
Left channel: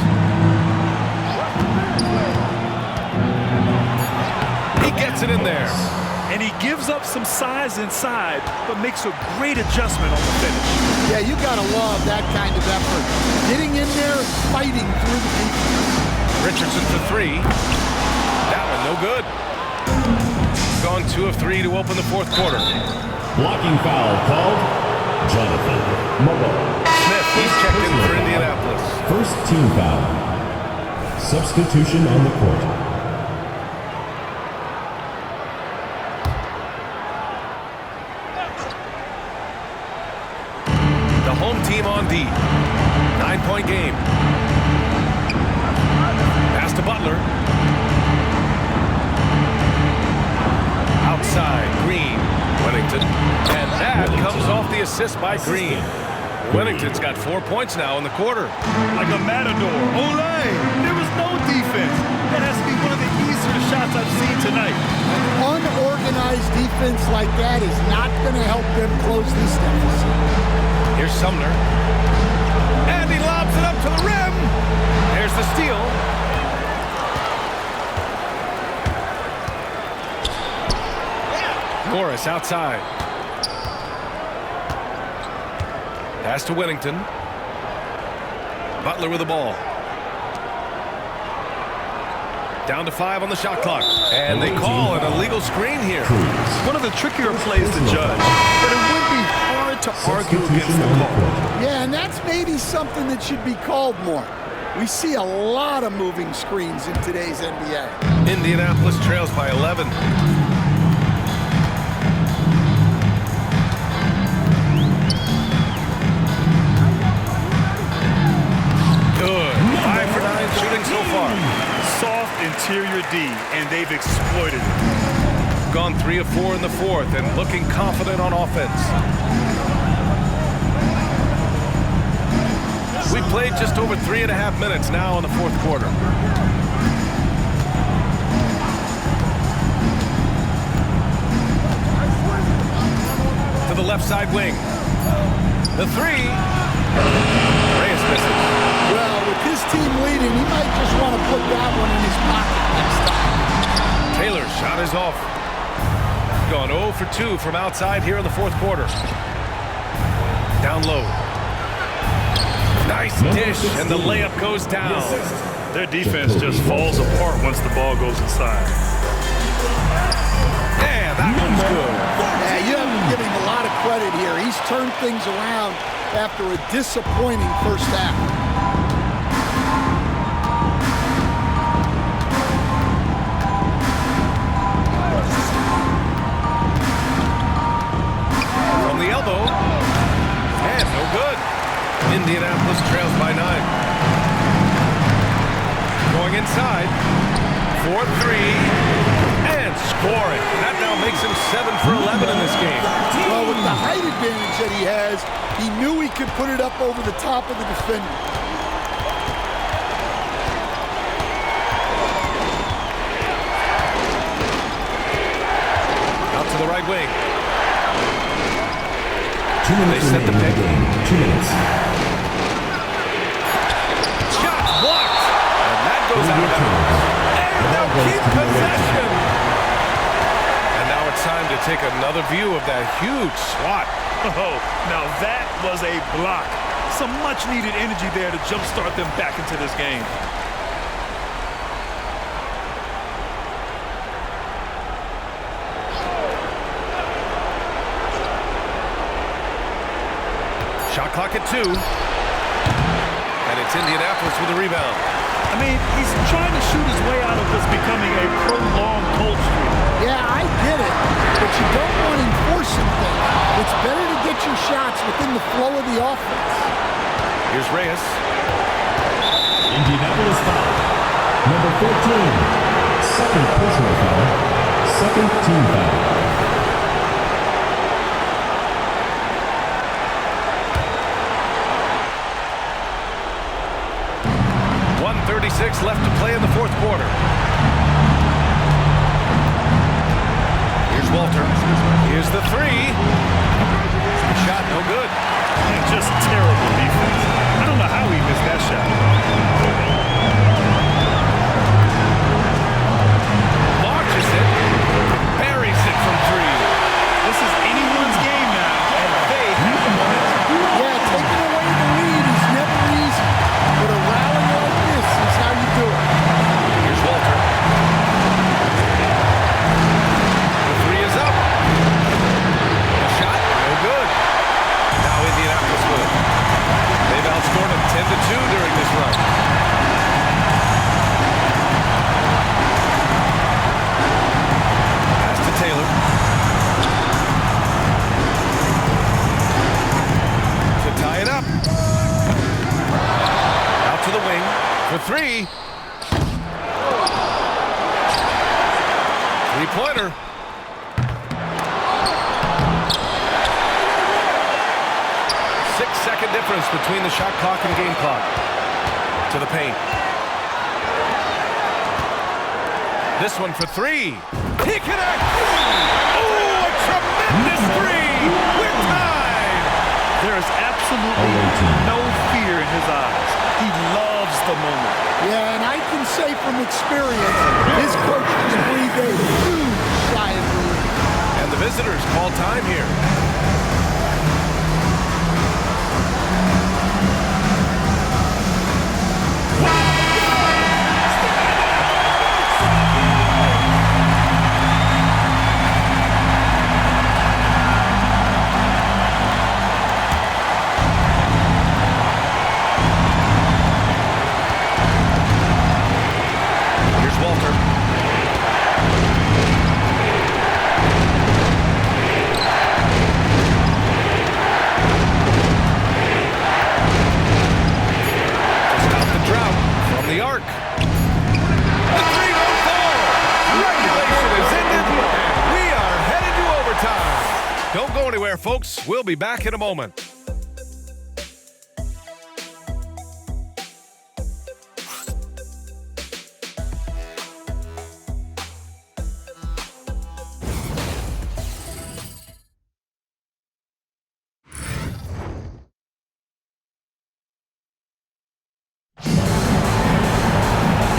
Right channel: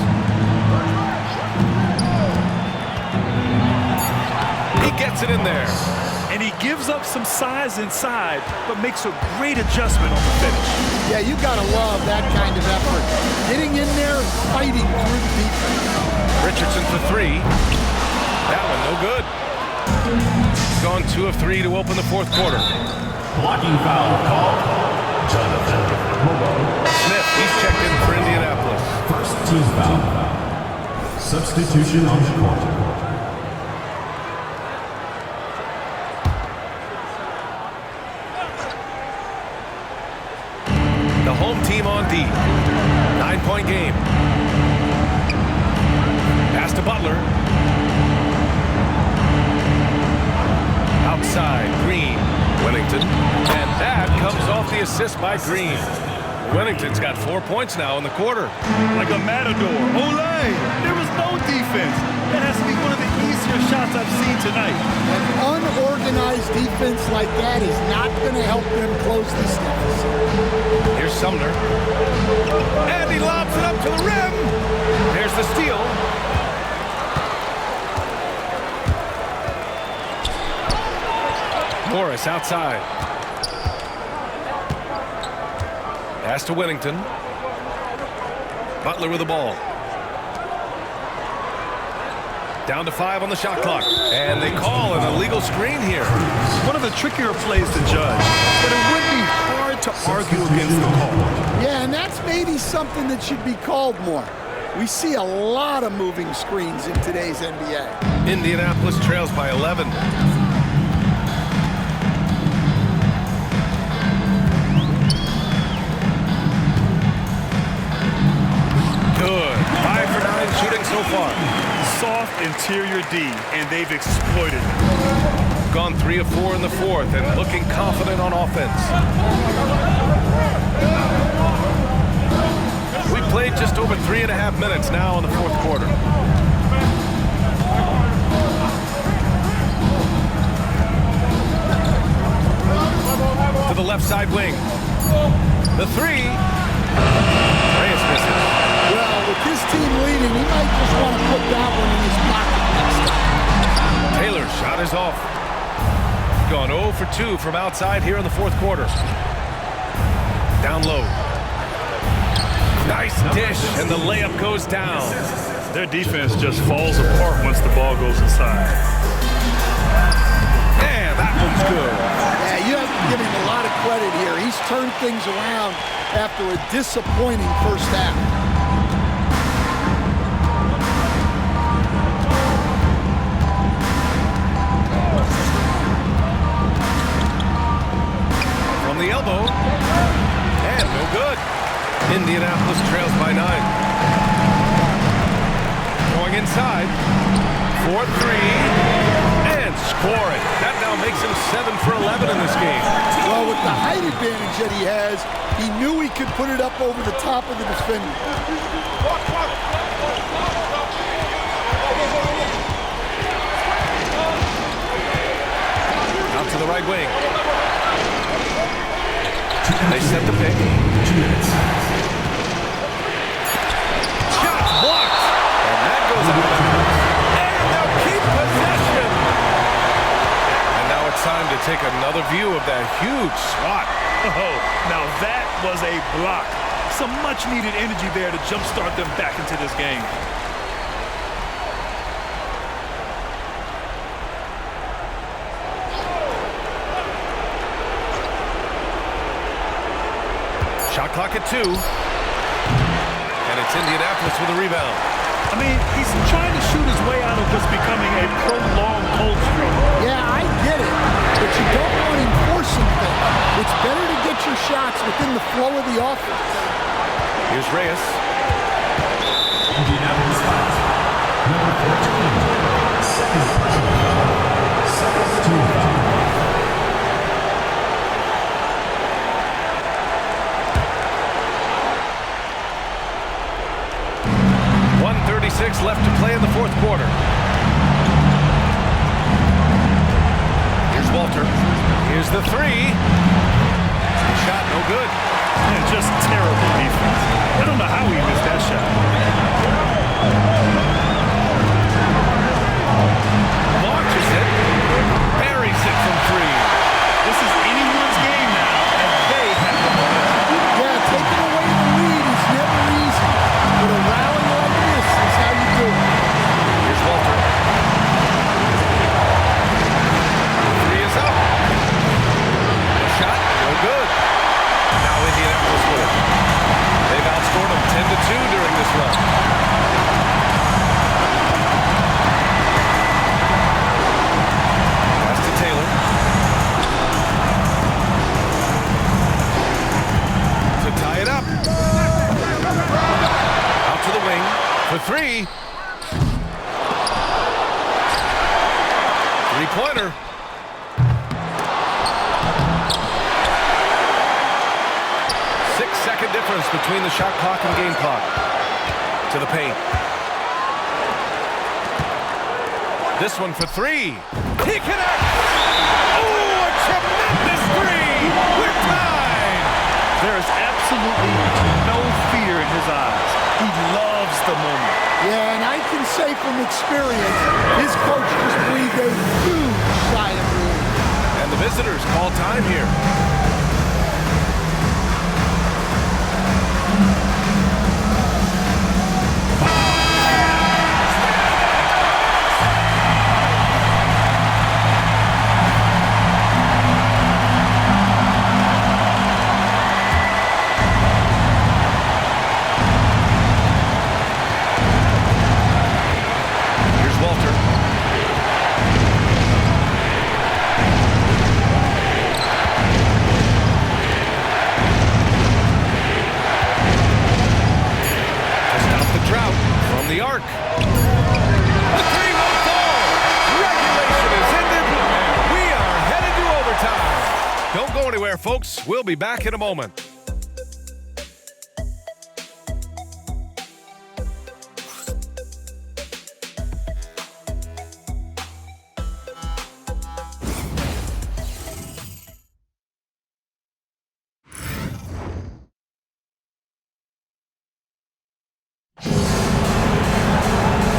He gets it in there. And he gives up some size inside, but makes a great adjustment on the finish. Yeah, you got to love that kind of effort. Getting in there and fighting through the defense. Richardson for 3. That one no good. Gone 2 of 3 to open the fourth quarter. Blocking foul called. Jonathan Mobo. Smith, he's checked in for Indianapolis. First team foul. Substitution on the court. The home team on D. 9-point game. Pass to Butler. Outside, Green. Whittington. And that comes off the assist by Green. Whittington's got 4 points now in the quarter. Like a matador. Olay! There was no defense. That has to be one of the easier shots I've seen tonight. An unorganized defense like that is not going to help them close this deficit. Here's Sumner. And he lobs it up to the rim. There's the steal. Morris outside. Pass to Whittington. Butler with the ball. Down to 5 on the shot clock. And they call an illegal screen here. One of the trickier plays to judge, but it would be hard to argue against the call. Yeah, and that's maybe something that should be called more. We see a lot of moving screens in today's NBA. Indianapolis trails by 11. Good. 5 for 9 shooting so far. Soft interior D, and they've exploited it. Gone 3 of 4 in the fourth and looking confident on offense. We played just over 3.5 minutes now in the fourth quarter. left side wing. The three. Reyes misses. Well, with his team leading, he might just want to put that one in his pocket next time. Taylor's shot is off. Gone 0 for 2 from outside here in the fourth quarter. Down low. Nice dish, and the layup goes down. Their defense just falls apart once the ball goes inside. Yeah, that one's good. Yeah, you have to give him a lot of credit here. He's turned things around after a disappointing first half. From the elbow. And no good. Indianapolis trails by 9. Going inside. 4-3. And scoring. That now makes him 7 for 11 in this game. Well, with the height advantage that he has, he knew he could put it up over the top of the defender. Out to the right wing. They set the pick. 2 minutes. Shot blocked. And that goes out of bounds. And they'll keep possession. And now it's time to take another view of that huge swat. Oh, now that was a block. Some much-needed energy there to jumpstart them back into this game. Shot clock at 2. And it's Indianapolis with a rebound. I mean, he's trying to shoot his way out of what's becoming a prolonged cold streak. Yeah, I get it, but you don't want him forcing things. It's better to get your shots within the flow of the offense. Here's Reyes. Indianapolis foul. Number 14. Second personal foul. Second team foul. 1:36 left to play in the fourth quarter. Here's Walter. Here's the three. The shot, no good. Man, just terrible defense. I don't know how he missed that shot. Launches it. Buries it from 3. This is anyone's game now, and they have the momentum. Yeah, taking away the lead is never easy, but a rally like this is how you do it. Here's Walter. The 3 is up. The shot, no good. Now Indianapolis with it. They've outscored them 10-2 during this run. Pass to Taylor. To tie it up. Out to the wing for 3. Three-pointer. Six-second difference between the shot clock and game clock. To the paint. This one for 3. He connects! Oh, a tremendous 3! We're tied! There is absolutely no fear in his eyes. He loves the moment. Yeah, and I can say from experience, his coach just breathed a huge sigh of relief. And the visitors call time here. Walter. To stop the drought from the arc. The 3 won't fall. Regulation is ended, and we are headed to overtime. Don't go anywhere, folks. We'll be back in a moment.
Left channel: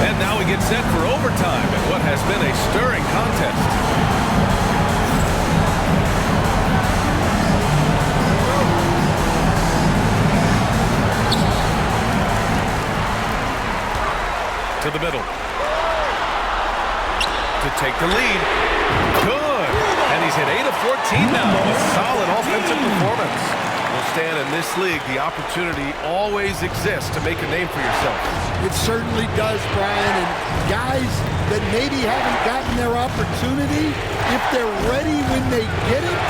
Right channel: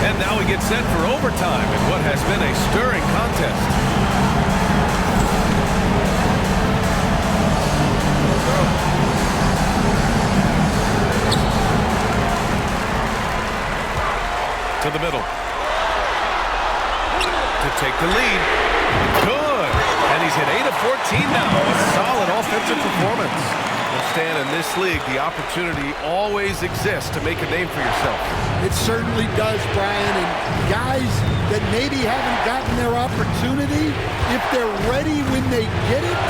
And now we get set for overtime in what has been a stirring contest. To the middle. To take the lead. Good. And he's hit 8 of 14 now. A solid offensive performance. Well, Stan, in this league, the opportunity always exists to make a name for yourself. It certainly does, Brian. And guys that maybe haven't gotten their opportunity, if they're ready when they get it,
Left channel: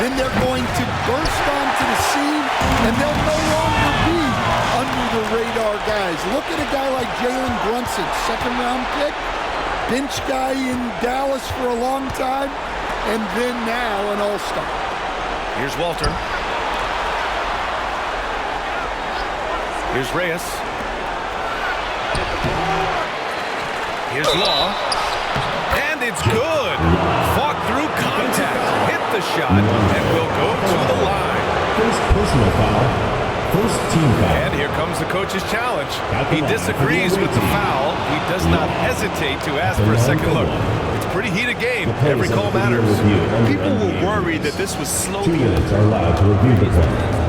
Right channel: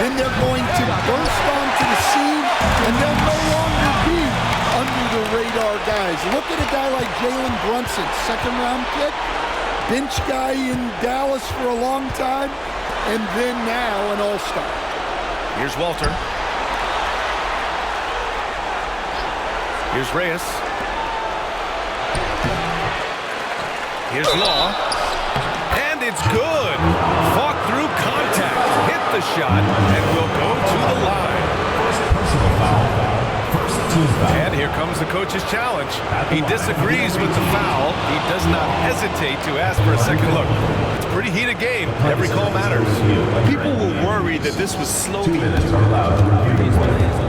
then they're going to burst onto the scene, and they'll no longer be under the radar guys. Look at a guy like Jalen Brunson, second-round pick, bench guy in Dallas for a long time, and then now an all-star. Here's Walter. Here's Reyes. Here's Law. And it's good. Fought through contact. Hit the shot and will go to the line. First personal foul. First team foul. And here comes the coach's challenge. He disagrees with the foul. He does not hesitate to ask for a second look. It's a pretty heated game. Every call matters. People were worried that this was 2 minutes are allowed to review the play.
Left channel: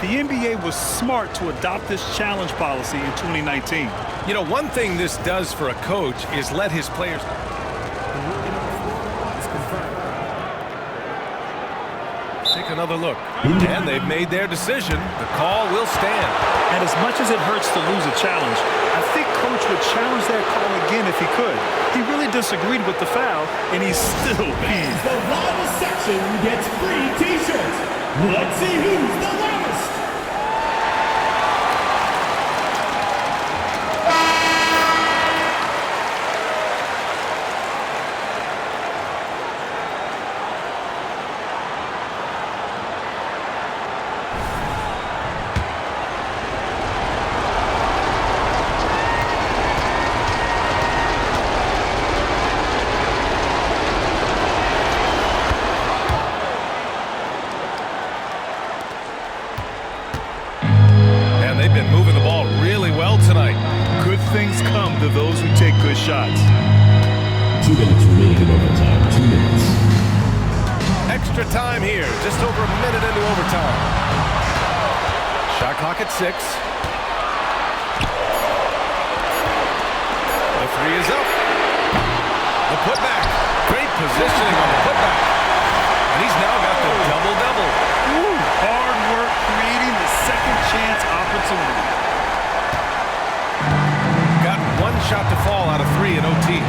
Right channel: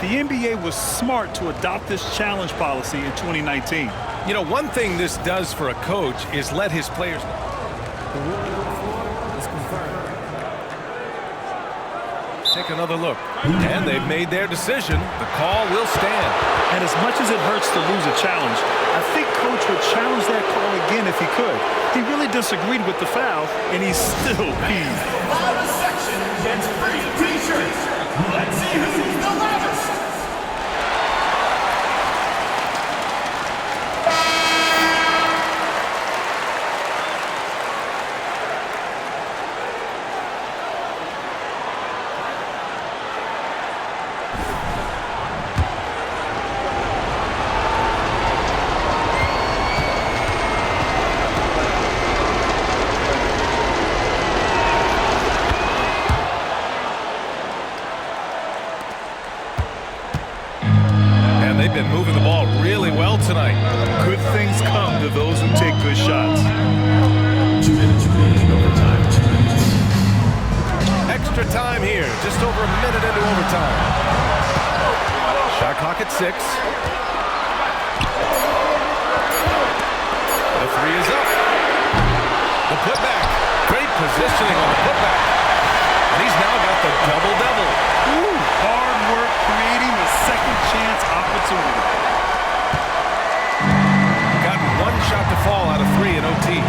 The NBA was smart to adopt this challenge policy in 2019. You know, one thing this does for a coach is let his players know. The ruling on the floor is confirmed. Take another look. And they've made their decision. The call will stand. And as much as it hurts to lose a challenge, I think Coach would challenge that call again if he could. He really disagreed with the foul, and he's still peeved. The loudest section gets free T-shirts. Let's see who's the loudest. They've been moving the ball really well tonight. Good things come to those who take good shots. 2 minutes remaining in overtime. 2 minutes. Extra time here. Just over a minute into overtime. Shot clock at 6. The 3 is up. The putback. Great positioning on the putback. And he's now got the double-double. Hard work creating the second chance opportunity. Gotten 1 shot to fall out of 3 in OT.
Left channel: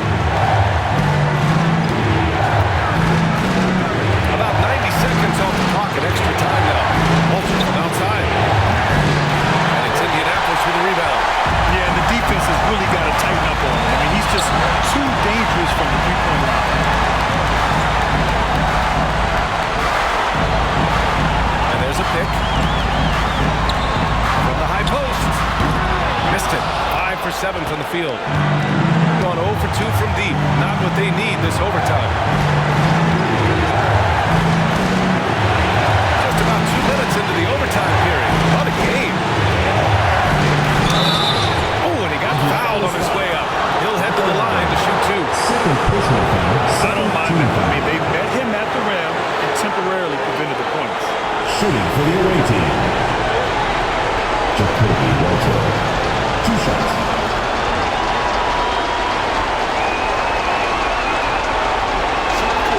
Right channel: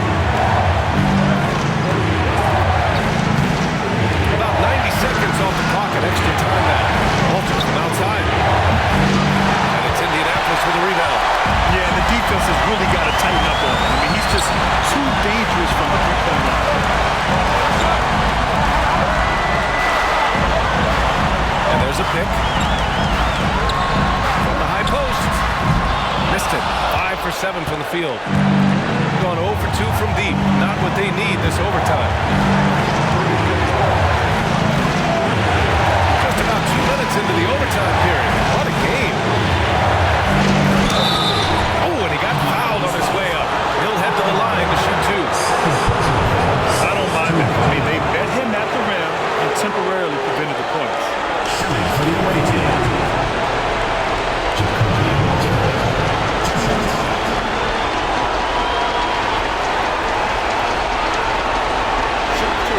About 90 seconds off the clock at extra time now. Walter from outside. And it's Indianapolis with a rebound. Yeah, and the defense has really got to tighten up on him. I mean, he's just too dangerous from the three-point line. And there's a pick. From the high post. Missed it. 5 for 7 from the field. Gone 0 for 2 from deep. Not what they need this overtime. Just about 2 minutes into the overtime period. What a game. Oh, and he got fouled on his way up. He'll head to the line to shoot 2. I don't mind that. I mean, they met him at the rim and temporarily prevented the points. Shooting for the away team. Jacoby Walter. 2 shots. Shot 2.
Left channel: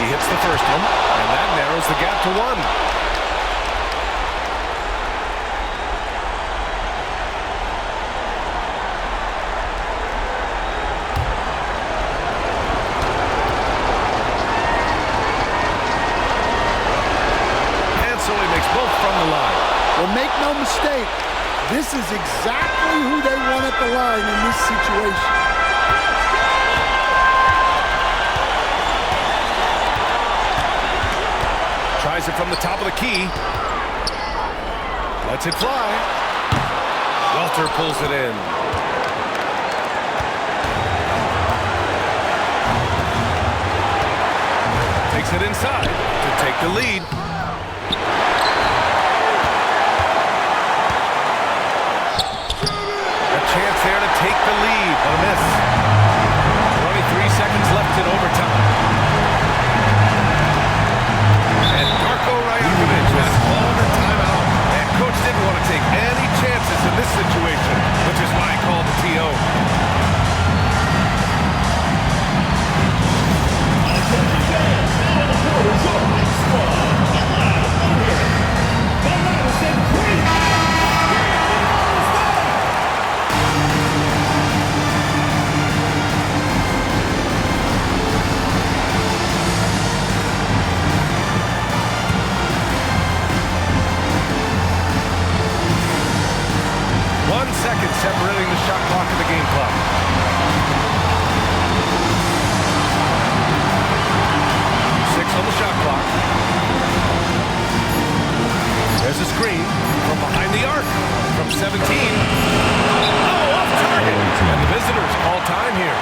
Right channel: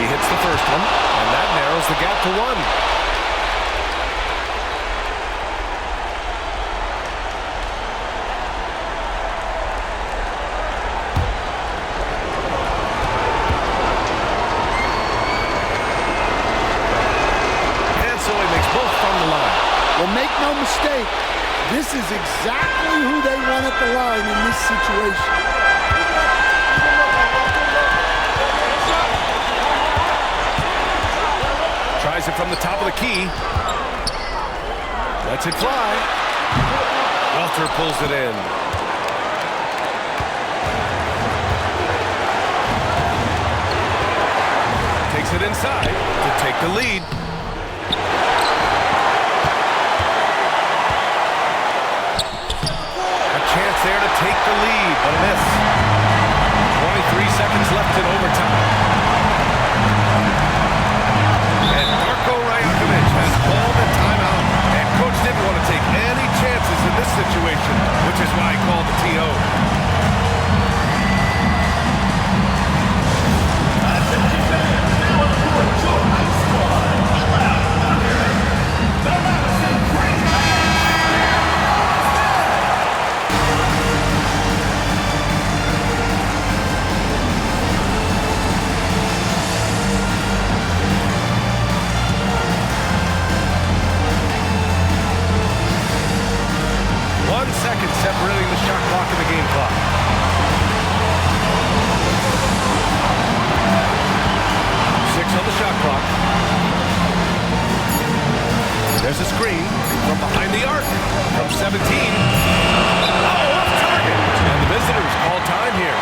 He hits the first one, and that narrows the gap to 1. So he makes both from the line. Well, make no mistake, this is exactly who they want at the line in this situation. Tries it from the top of the key. Lets it fly. Walter pulls it in. Takes it inside to take the lead. A chance there to take the lead, but a miss. 23 seconds left in overtime. And Darko Rajakovic has called a timeout. And coach didn't want to take any chances in this situation, which is why he called the TO. Attention fans, now on the court is your high squad. Get loud, out here. They're not to say crazy. One second separating the shot clock and the game clock. Six on the shot clock. There's a screen from behind the arc. From 17. Oh, off target. And the visitors call time here.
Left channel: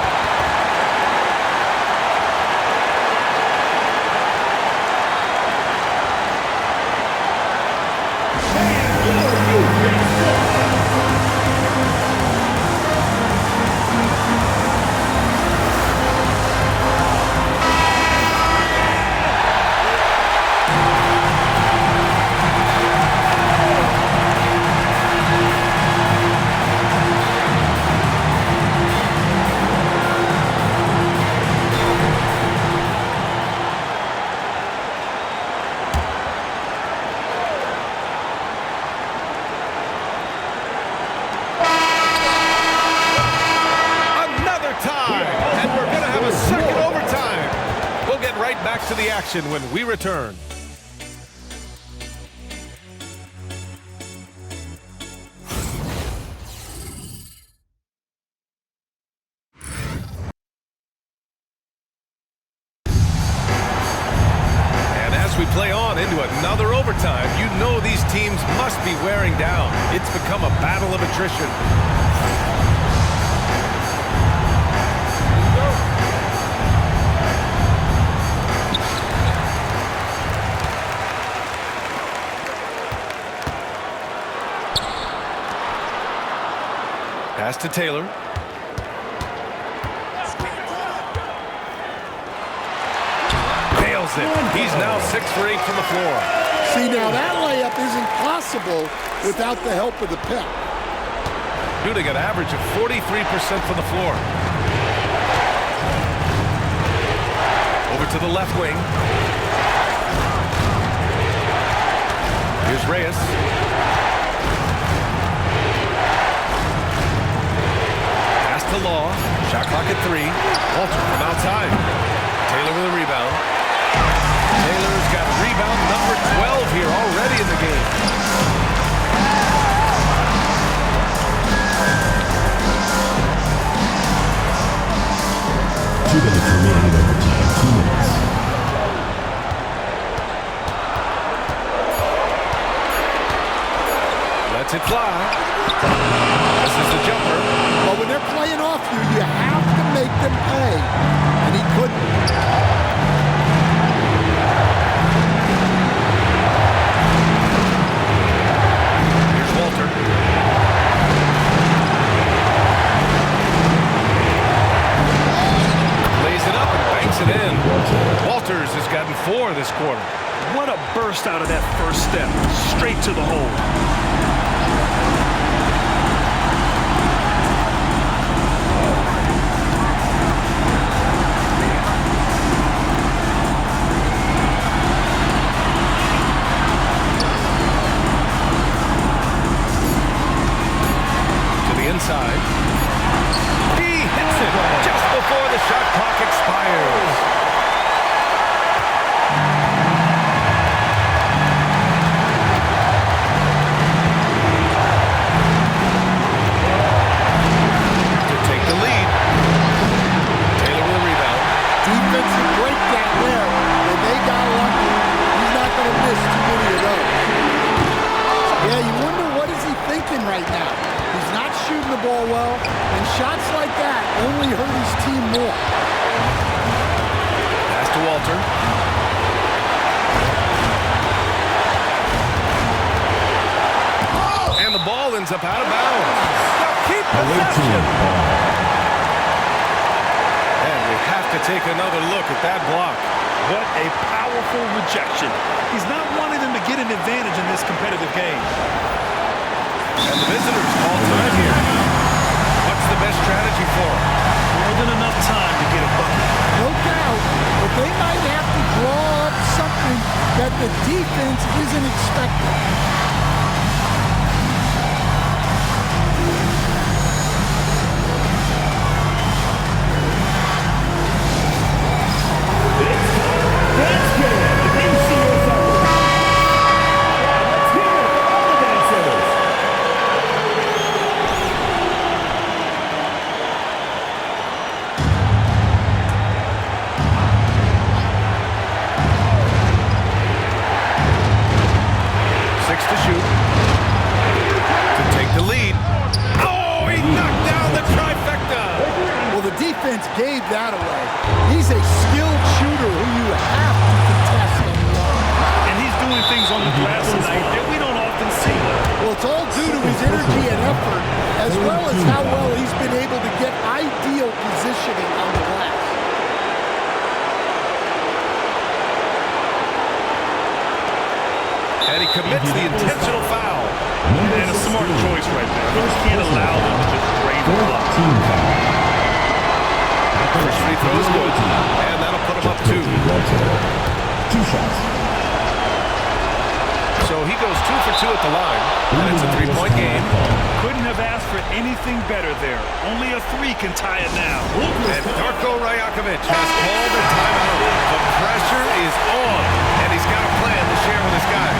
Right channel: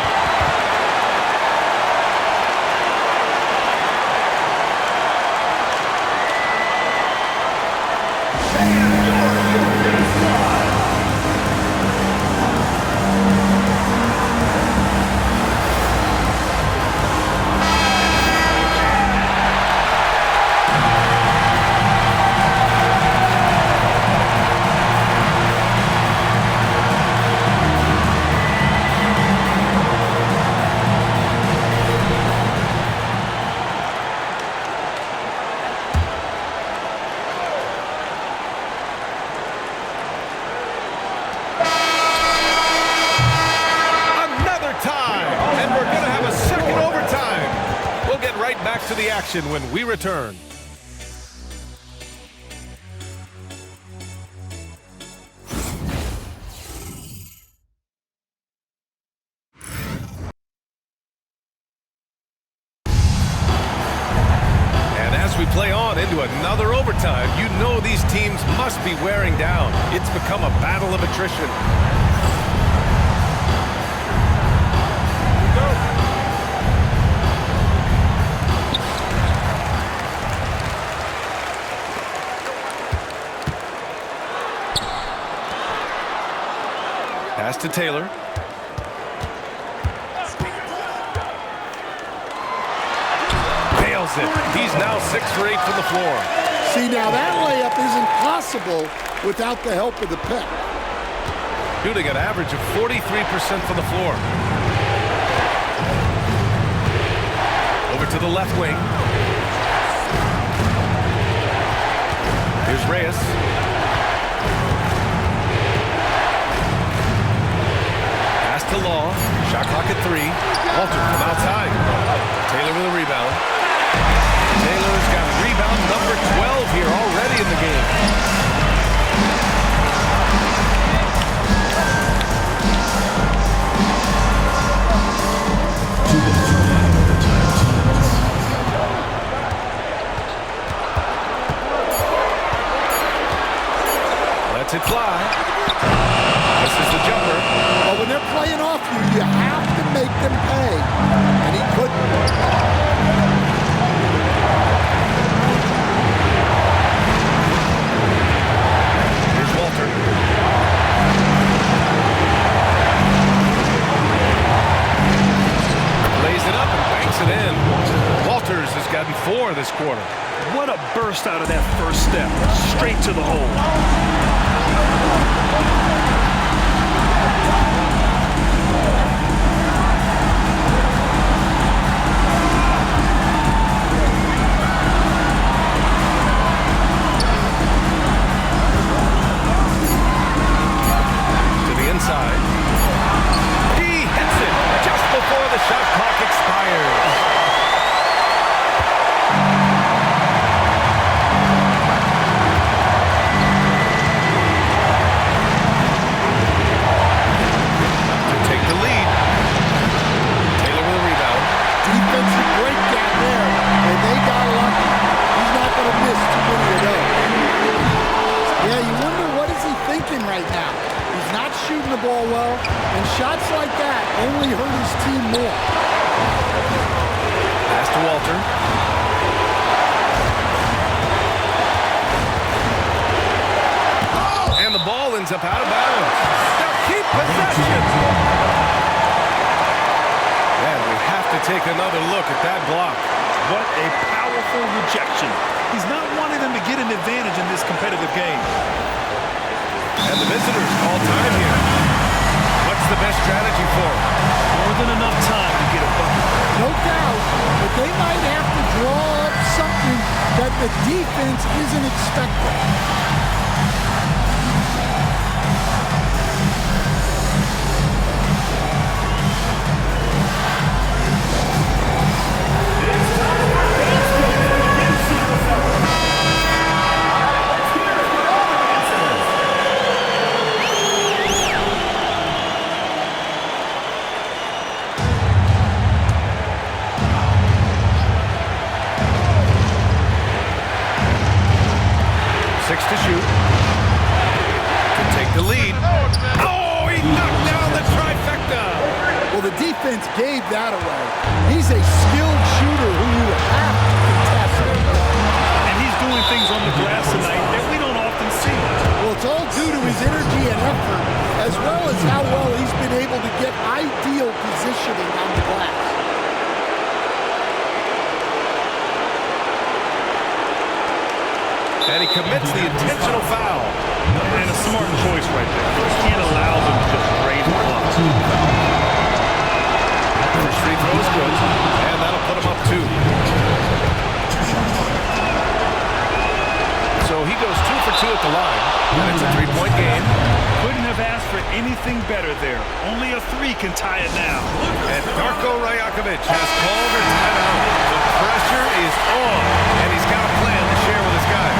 Time, and we're going to have a second overtime. We'll get right back to the action when we return. And as we play on into another overtime, you know these teams must be wearing down. It's become a battle of attrition. Pass to Taylor. Nails it. He's now 6 for 8 from the floor. See, now that layup isn't possible without the help of the pep. Shooting an average of 43% from the floor. Over to the left wing. Here's Reyes. Pass to Law. Shot clock at 3. Walter from outside. Taylor with a rebound. Taylor's got rebound number 12 here already in the game. 2 minutes remaining in overtime. 2 minutes. Lets it fly. This is the jumper. But when they're playing off you, you have to make them pay. And he couldn't. Here's Walter. Lays it up and banks it in. Walters has gotten 4 this quarter. What a burst out of that first step. Straight to the hole. Inside. He hits it just before the shot clock expires. To take the lead. Taylor with a rebound. Defensive breakdown there, and they got lucky. He's not going to miss too many of those. Yeah, you wonder what is he thinking right now. He's not shooting the ball well, and shots like that only hurt his team more. Pass to Walter. And the ball ends up out of bounds. Now keep possession. And we have to take another look at that block. What a powerful rejection. He's not wanting them to get an advantage in this competitive game. And the visitors call time here. What's the best strategy for them? More than enough time to get a bucket. No doubt, but they might have to draw up something that the defense isn't expecting. Six to shoot. To take the lead. Oh, he knocked down the trifecta. Well, the defense gave that away. He's a skilled shooter who you have to contest. And he's doing things on the glass tonight that we don't often see. Well, it's all due to his energy and effort, as well as how well he's been able to get ideal positioning on the glass. And he commits the intentional foul. And a smart choice right there. I mean, you can't allow them to just drain the clock. First free throw is good, and that'll put him up 2. So he goes 2 for 2 at the line, and it's a 3-point game. Couldn't have asked for anything better there. Only a 3 can tie it now. And Darko Rajakovic has called a timeout. The pressure is on, and he's got a plan to share with his guys.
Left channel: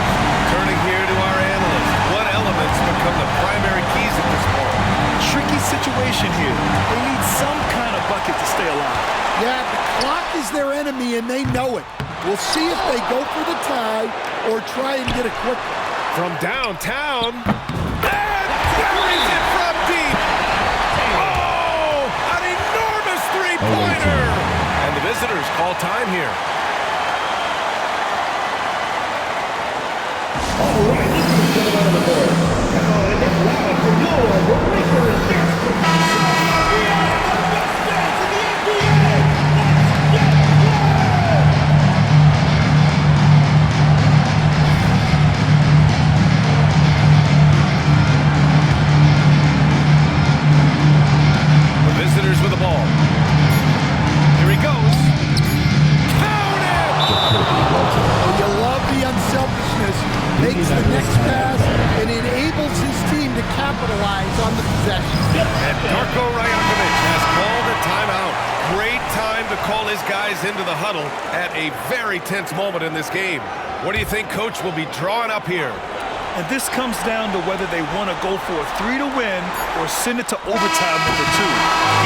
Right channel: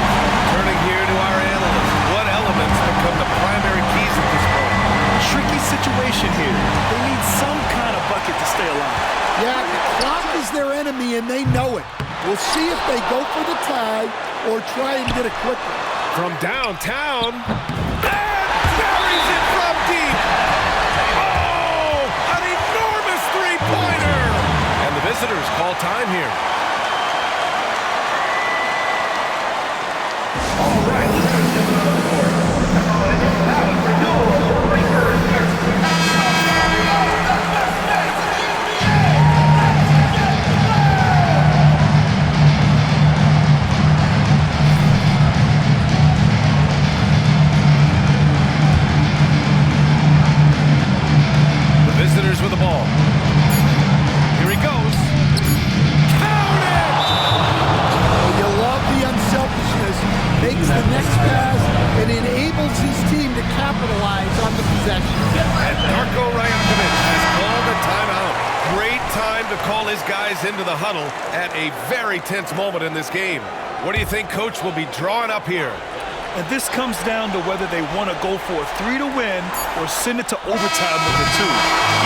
Turning here to our analyst. What elements become the primary keys at this point? Tricky situation here. They need some kind of bucket to stay alive. Yeah, the clock is their enemy, and they know it. We'll see if they go for the tie or try and get it quickly. From downtown, and buries it from deep. Oh, an enormous three-pointer. And the visitors call time here. All right, let's get it out of the board. And it's loud for Noah Breaker is here. Visitors with the ball. Here he goes. Count it! Well, you love the unselfishness. Makes the next pass and enables his team to capitalize on the possession. And Darko Rajakovic has called a timeout. Great time to call his guys into the huddle at a very tense moment in this game. What do you think Coach will be drawing up here? And this comes down to whether they want to go for a 3 to win or send it to overtime with a 2.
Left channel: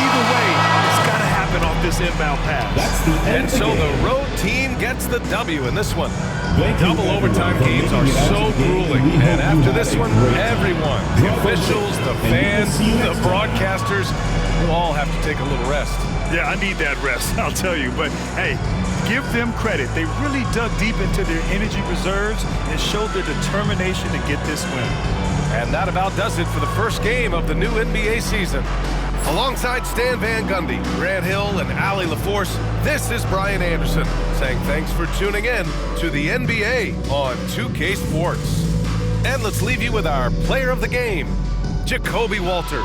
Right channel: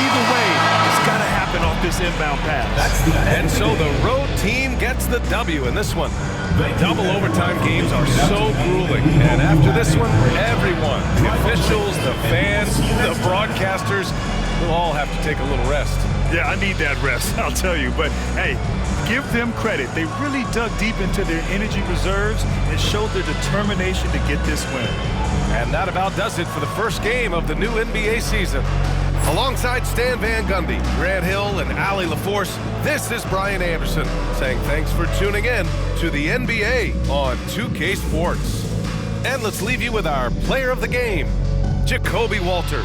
Either way, it's got to happen off this inbound pass. And so the road team gets the W in this one. Double overtime games are so grueling. And after this one, everyone, the officials, the fans, the broadcasters, we'll all have to take a little rest. Yeah, I need that rest, I'll tell you. But, hey, give them credit. They really dug deep into their energy reserves and showed their determination to get this win. And that about does it for the first game of the new NBA season. Alongside Stan Van Gundy, Grant Hill, and Allie LaForce, this is Brian Anderson saying thanks for tuning in to the NBA on 2K Sports. And let's leave you with our player of the game, Jacoby Walter.